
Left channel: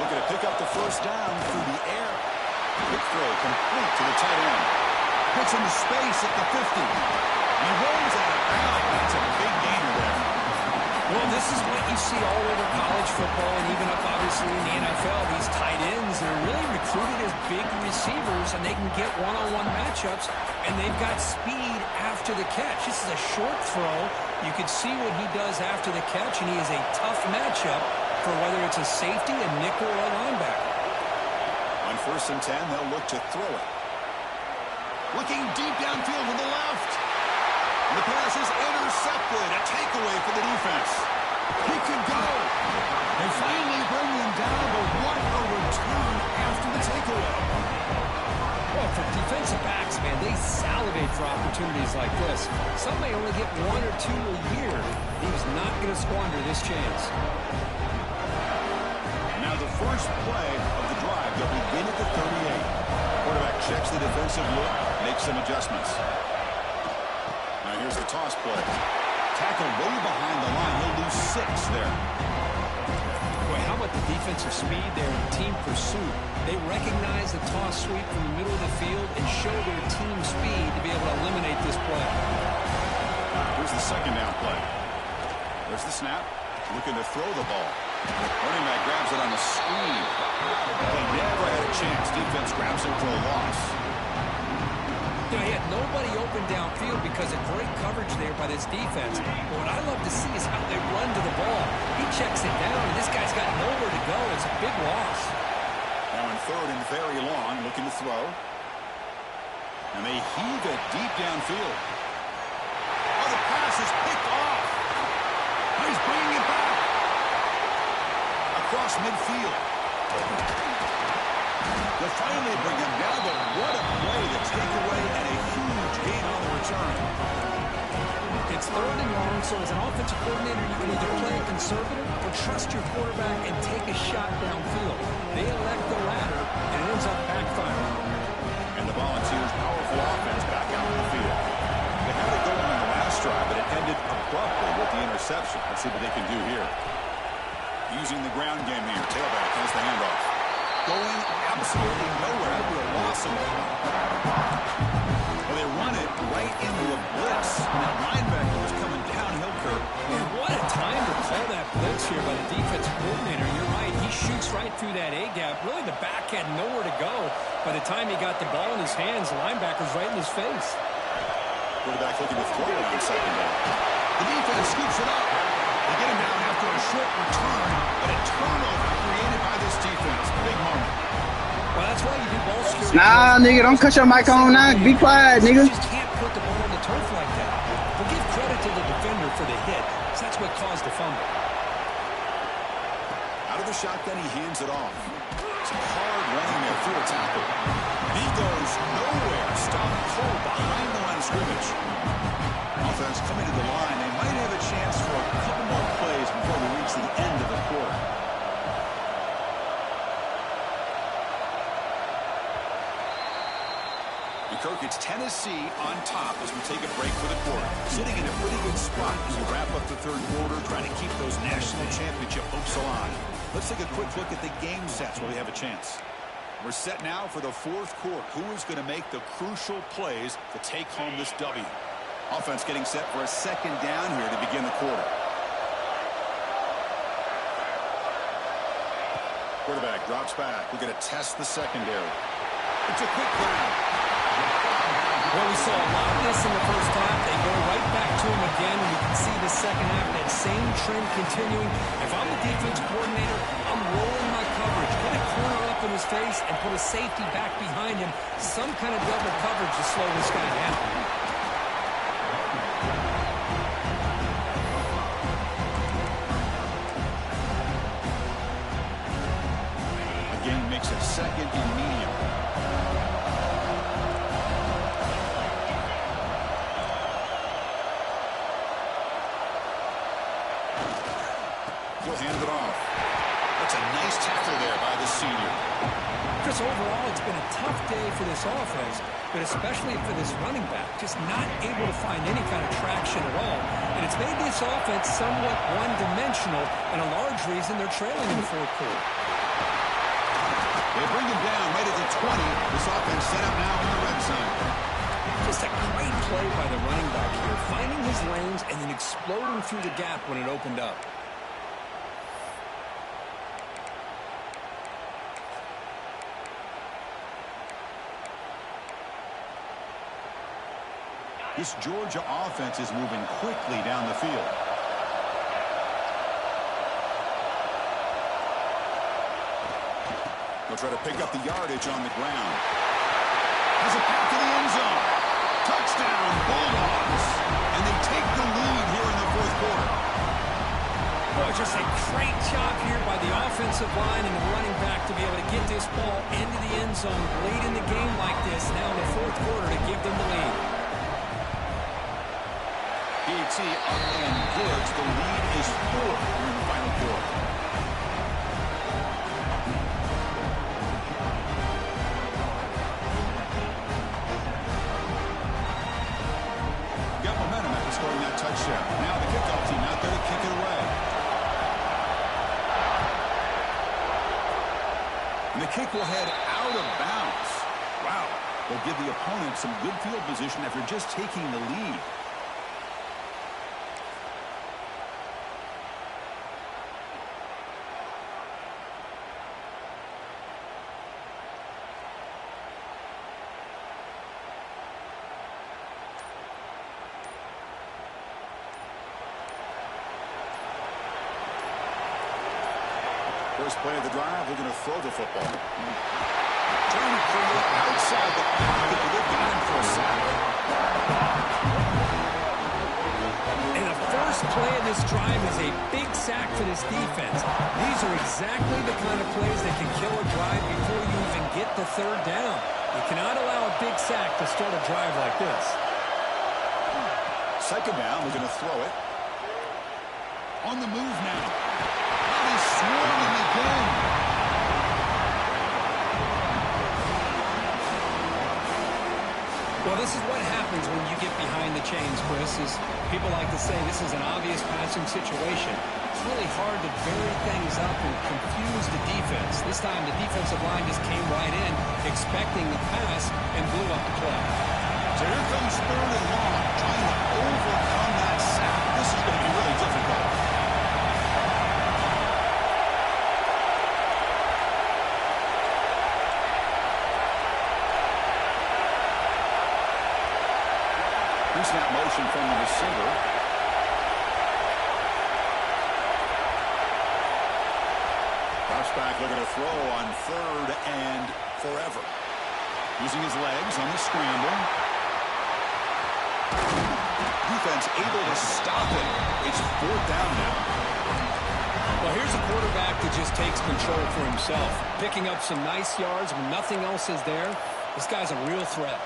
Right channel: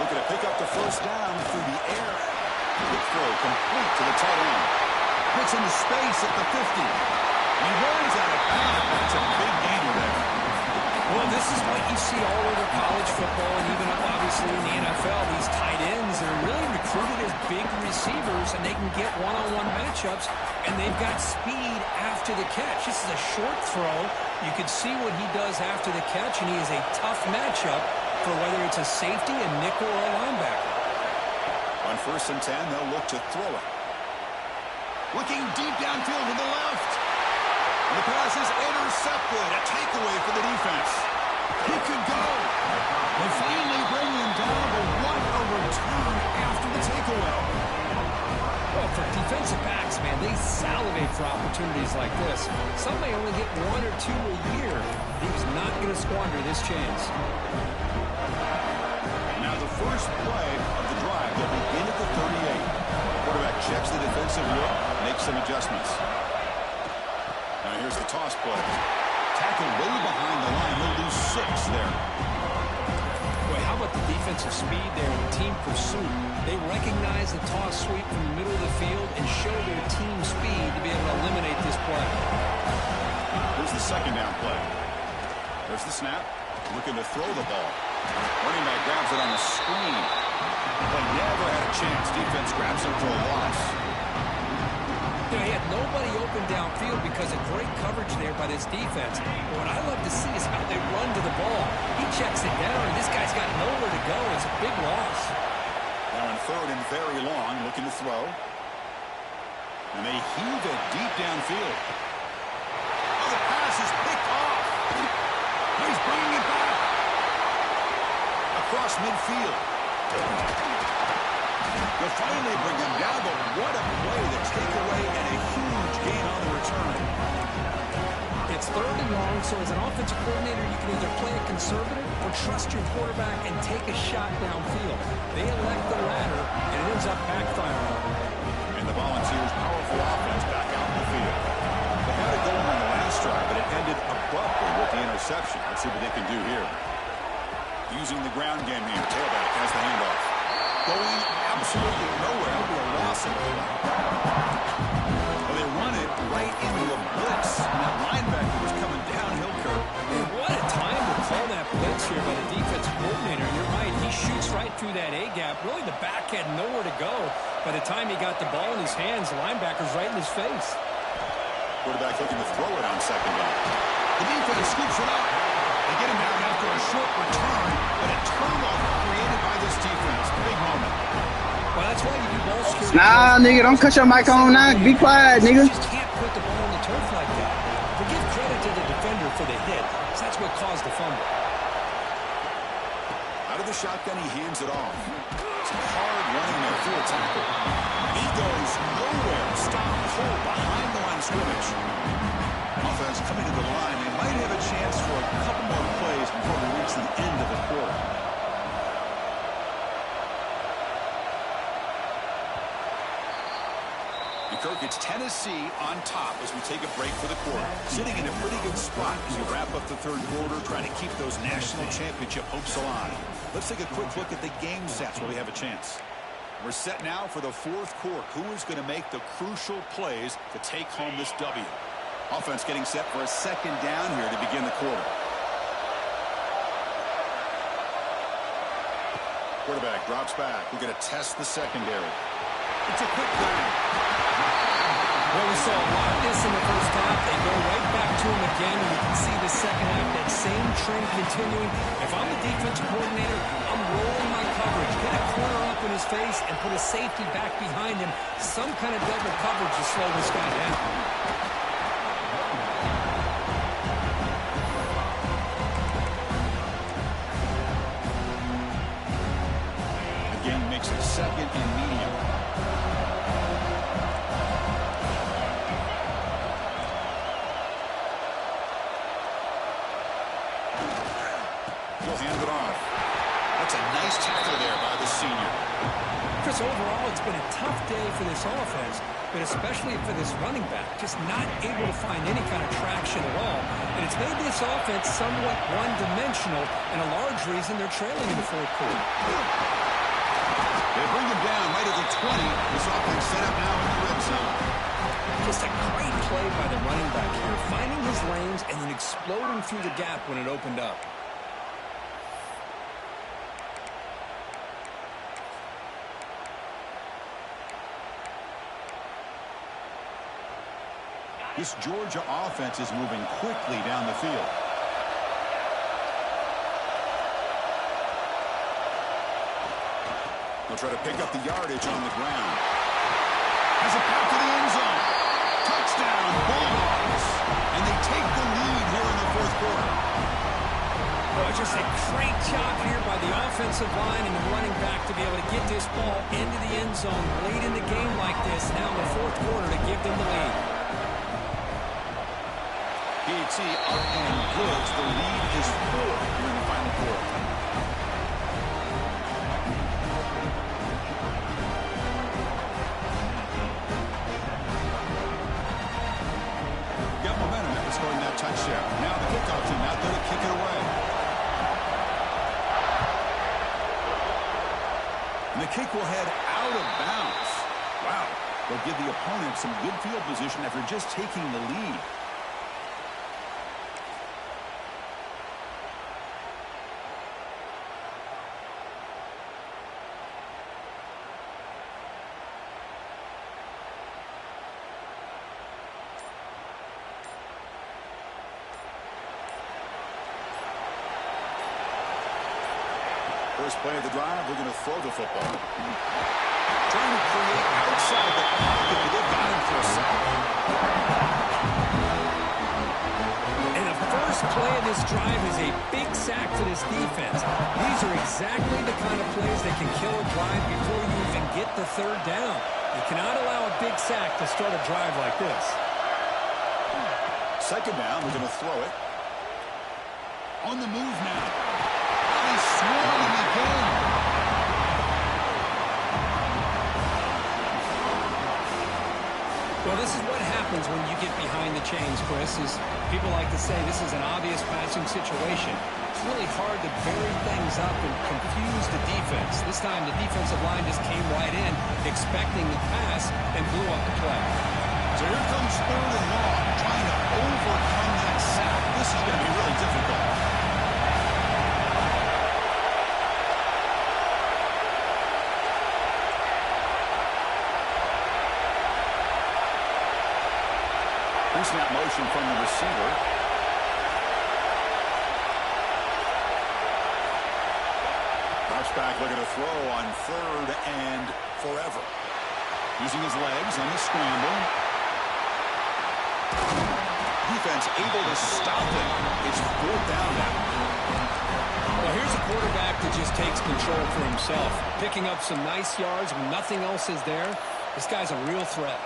Looking to pick up the first down through the air. Quick throw complete to the tight end. Hits into space at the 50. He rolls out of bounds. That's a big gainer there. Well, this is what you see all over college football and even up, obviously, in the NFL. These tight ends are really recruited as big receivers, and they can get one-on-one matchups, and they've got speed after the catch. This is a short throw. You can see what he does after the catch, and he is a tough matchup for whether it's a safety, a nickel, or a linebacker. On 1st and 10, they'll look to throw it. Looking deep downfield to the left. And the pass is intercepted. A takeaway for the defense. He could go. They finally bring him down, but what a return after the takeaway. Well, for defensive backs, man, they salivate for opportunities like this. Some may only get one or two a year. He was not going to squander this chance. Now the first play of the drive, they'll begin at the 38. Quarterback checks the defensive look, makes some adjustments. Now here's the toss play. Tackle way behind the line. He'll lose 6 there. Boy, how about the defensive speed there and team pursuit? They recognize the toss sweep from the middle of the field and show their team speed to be able to eliminate this play. Here's the second down play. There's the snap. Looking to throw the ball. Running back grabs it on the screen. Play never had a chance. Defense grabs him for a loss. You know, he had nobody open downfield because of great coverage there by this defense. But what I love to see is how they run to the ball. He checks it down, and this guy's got nowhere to go. It's a big loss. Now in 3rd and very long, looking to throw. And they heave it deep downfield. Oh, the pass is picked off. He's bringing it back. Across midfield. They'll finally bring him down, but what a play. The takeaway and a huge gain on the return. It's 3rd and long, so as an offensive coordinator, you can either play it conservative or trust your quarterback and take a shot downfield. They elect the latter, and it ends up backfiring on them. And the Volunteers' powerful offense back out in the field. They had it going on the last drive, but it ended abruptly with the interception. Let's see what they can do here. Using the ground game here. Tailback has the handoff. Going absolutely nowhere. That'll be a loss of play. Well, they run it right into a blitz. And that linebacker was coming downhill, Kirk. Man, what a time to call that blitz here by the defensive coordinator. And you're right, he shoots right through that A-gap. Really, the back had nowhere to go. By the time he got the ball in his hands, the linebacker's right in his face. Quarterback looking to throw it on second down. The defense scoops it up. They get him down after a short return, but a turnover created by this defense. Big moment. Well, that's why you do ball security. Nah, nigga, don't cut your mic on now. Be quiet, nigga. You just can't put the ball on the turf like that. But give credit to the defender for the hit, because that's what caused the fumble. Out of the shotgun, he hands it off. Some hard running there through a tackle. And he goes nowhere. Stopped cold behind the line of scrimmage. Offense coming to the line. They might have a chance for a couple more plays before we reach the end of the quarter. And Kirk, it's Tennessee on top as we take a break for the quarter. Sitting in a pretty good spot as we wrap up the third quarter, trying to keep those national championship hopes alive. Let's take a quick look at the game sets while we have a chance. We're set now for the fourth quarter. Who is going to make the crucial plays to take home this W? Offense getting set for a second down here to begin the quarter. Quarterback drops back. We're going to test the secondary. It's a quick grab. Well, we saw a lot of this in the first half. They go right back to him again, and we can see the second half, that same trend continuing. If I'm the defense coordinator, I'm rolling my coverage. Get a corner up in his face and put a safety back behind him. Some kind of double coverage to slow this guy down. Again, makes it second and medium. He'll hand it off. That's a nice tackle there by the senior. Chris, overall, it's been a tough day for this offense, but especially for this running back, just not able to find any kind of traction at all. And it's made this offense somewhat one-dimensional, and a large reason they're trailing in the fourth quarter. They bring him down right at the 20. This offense set up now in the red zone. Just a great play by the running back here, finding his lanes and then exploding through the gap when it opened up. This Georgia offense is moving quickly down the field. They'll try to pick up the yardage on the ground. Has a path to the end zone. Touchdown, Bulldogs. And they take the lead here in the fourth quarter. Boy, just a great job here by the offensive line and the running back to be able to get this ball into the end zone late in the game like this, now in the fourth quarter, to give them the lead. PAT up and good. The lead is 4 here in the final quarter. Got momentum after scoring that touchdown. Now the kickoff team out there to kick it away. And the kick will head out of bounds. Wow. They'll give the opponent some good field position after just taking the lead. First play of the drive, we're going to throw the football. Trying to create outside the pocket, but they've got him for a sack. And the first play of this drive is a big sack for this defense. These are exactly the kind of plays that can kill a drive before you even get the third down. You cannot allow a big sack to start a drive like this. Second down, we're going to throw it. On the move now. He's swarming again. Well, this is what happens when you get behind the chains, Chris, is people like to say this is an obvious passing situation. It's really hard to vary things up and confuse the defense. This time the defensive line just came right in, expecting the pass, and blew up the play. So here comes third and long, trying to overcome that sack. This is going to be really difficult. Pre-snap motion from the receiver. Drops back, looking to throw on 3rd and forever. Using his legs on the scramble. Defense able to stop it. It's 4th down now. Well, here's a quarterback that just takes control for himself. Picking up some nice yards when nothing else is there. This guy's a real threat.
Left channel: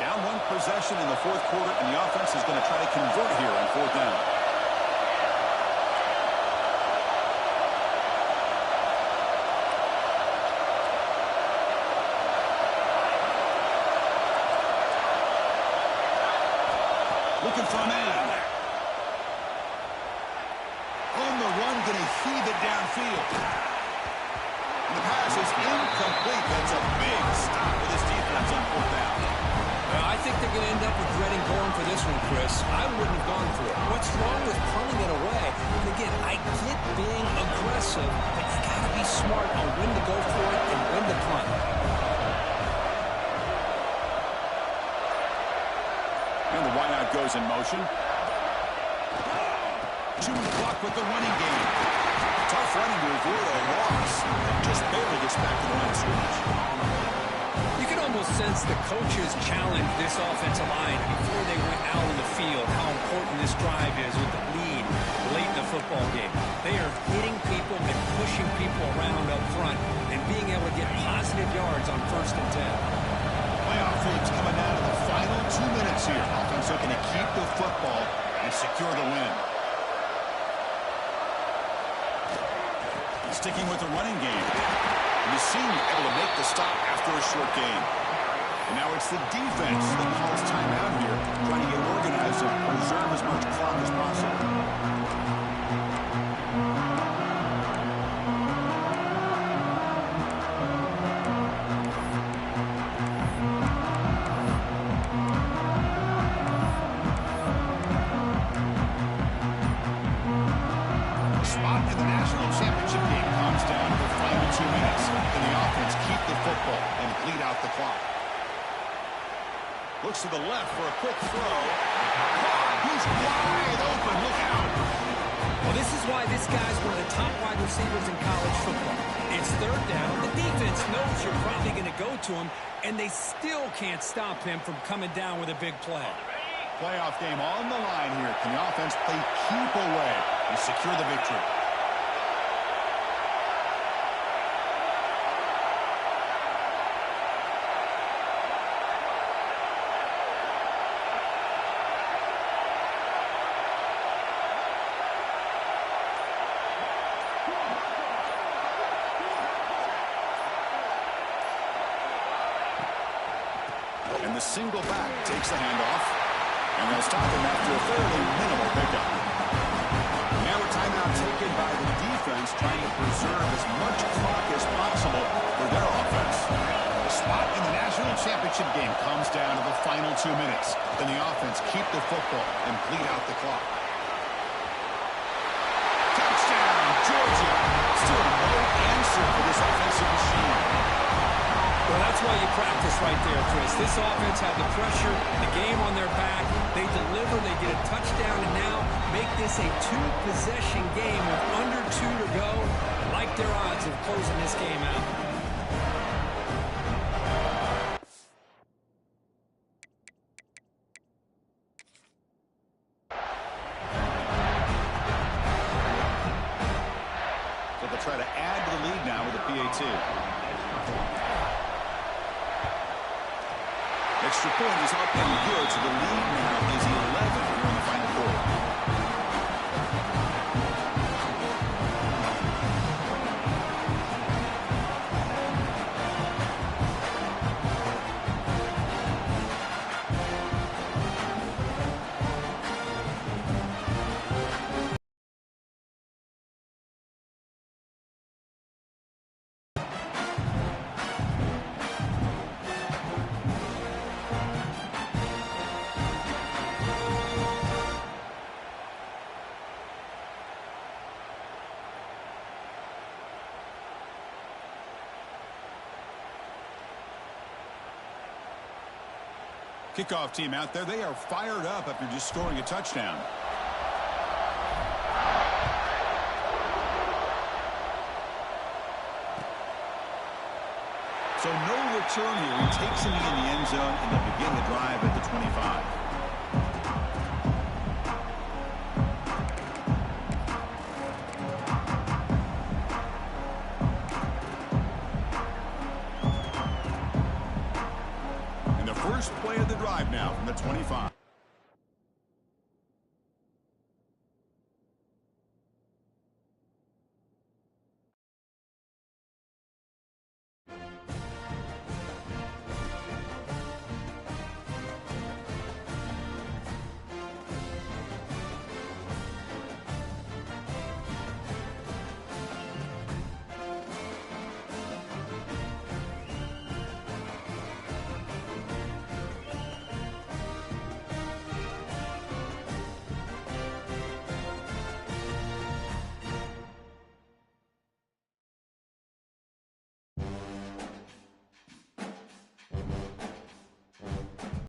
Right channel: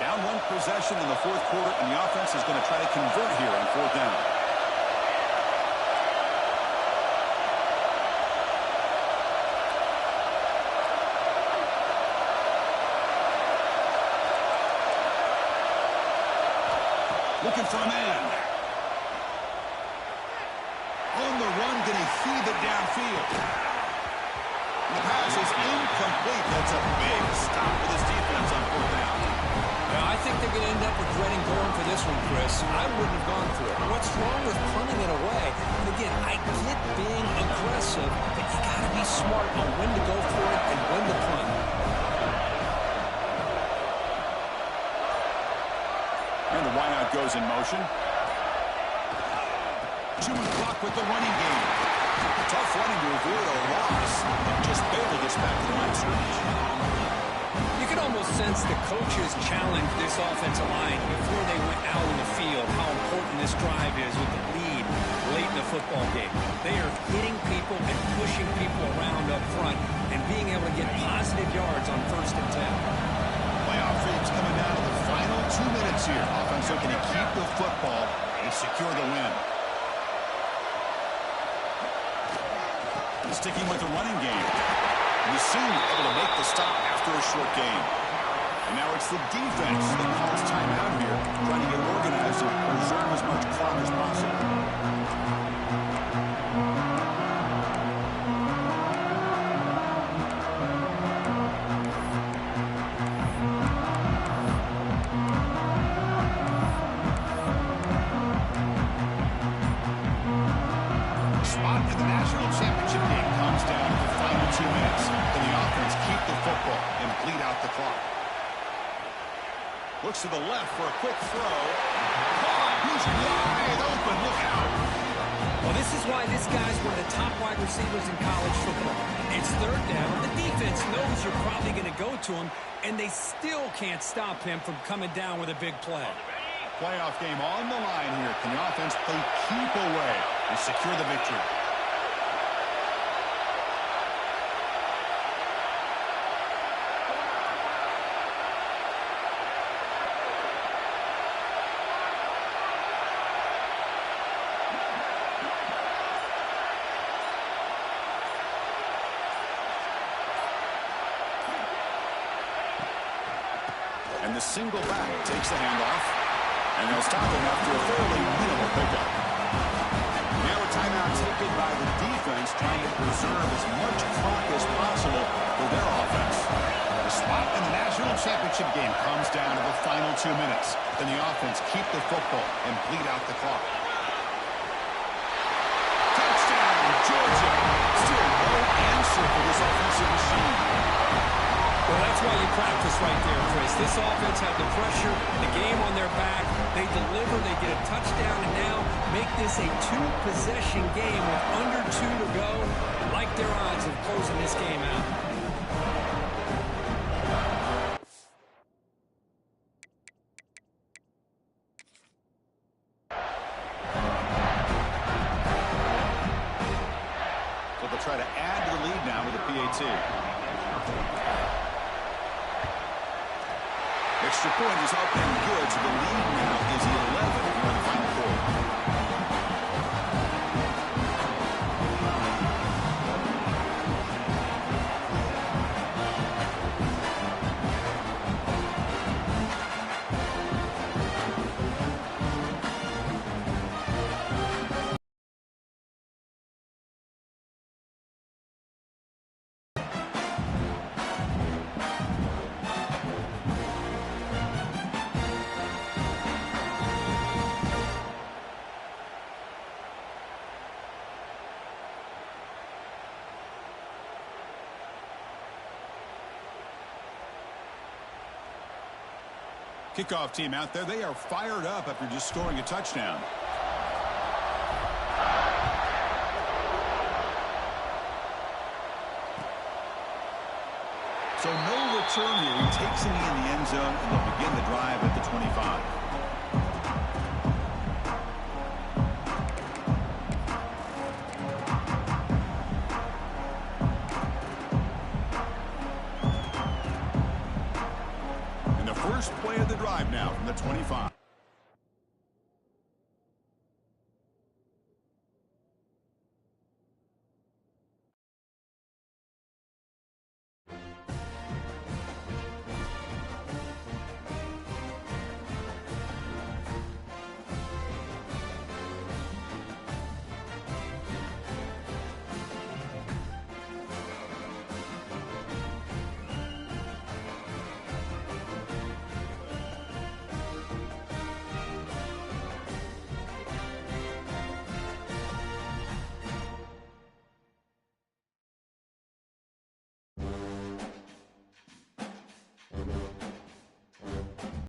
Down 1 possession in the 4th quarter, and the offense is going to try to convert here on 4th down. Looking for a man. On the run, going to heave it downfield. And the pass is incomplete. That's a big stop with his defense on 4th down. I think they're going to end up regretting going for this one, Chris. I wouldn't have gone for it. What's wrong with punting it away? And again, I get being aggressive, but you got to be smart on when to go for it and when to punt. And the wideout goes in motion. Chewing the clock with the running game. Tough running to avoid a loss and just barely gets back to the line of scrimmage. You can almost sense the coaches challenged this offensive line before they went out in the field, how important this drive is with the lead late in the football game. They are hitting people and pushing people around up front and being able to get positive yards on 1st and 10. Playoff themes coming down to the final 2 minutes here. Offense looking to keep the football and secure the win. Sticking with the running game. And the senior able to make the stop after a short gain. And now it's the defense that calls timeout here, trying to get organized and preserve as much clock as possible. Looks to the left for a quick throw. Caught. He's wide open. Look out. Well, this is why this guy's one of the top wide receivers in college football. It's 3rd down. The defense knows you're probably going to go to him, and they still can't stop him from coming down with a big play. Playoff game on the line here. Can the offense play keep away and secure the victory? And the single back takes the handoff. And they'll stop him after a fairly minimal pickup. Now a timeout taken by the defense, trying to preserve as much clock as possible for their offense. The spot in the national championship game comes down to the final 2 minutes. Then the offense keep the football and bleed out the clock. Touchdown, Georgia. Still no answer for this offensive machine. Well, that's why you practice right there, Chris. This offense had the pressure, the game on their back. They deliver, they get a touchdown, and now make this a 2-possession game with under 2 to go. Like their odds of closing this game out. So they'll try to add to the lead now with a PAT. Extra point is up and good, so the lead now is 11 here in the final quarter. Kickoff team out there, they are fired up after just scoring a touchdown. So no return here. He takes it in the end zone, and they'll begin the drive at the 25. And the first play of the drive now from the 25.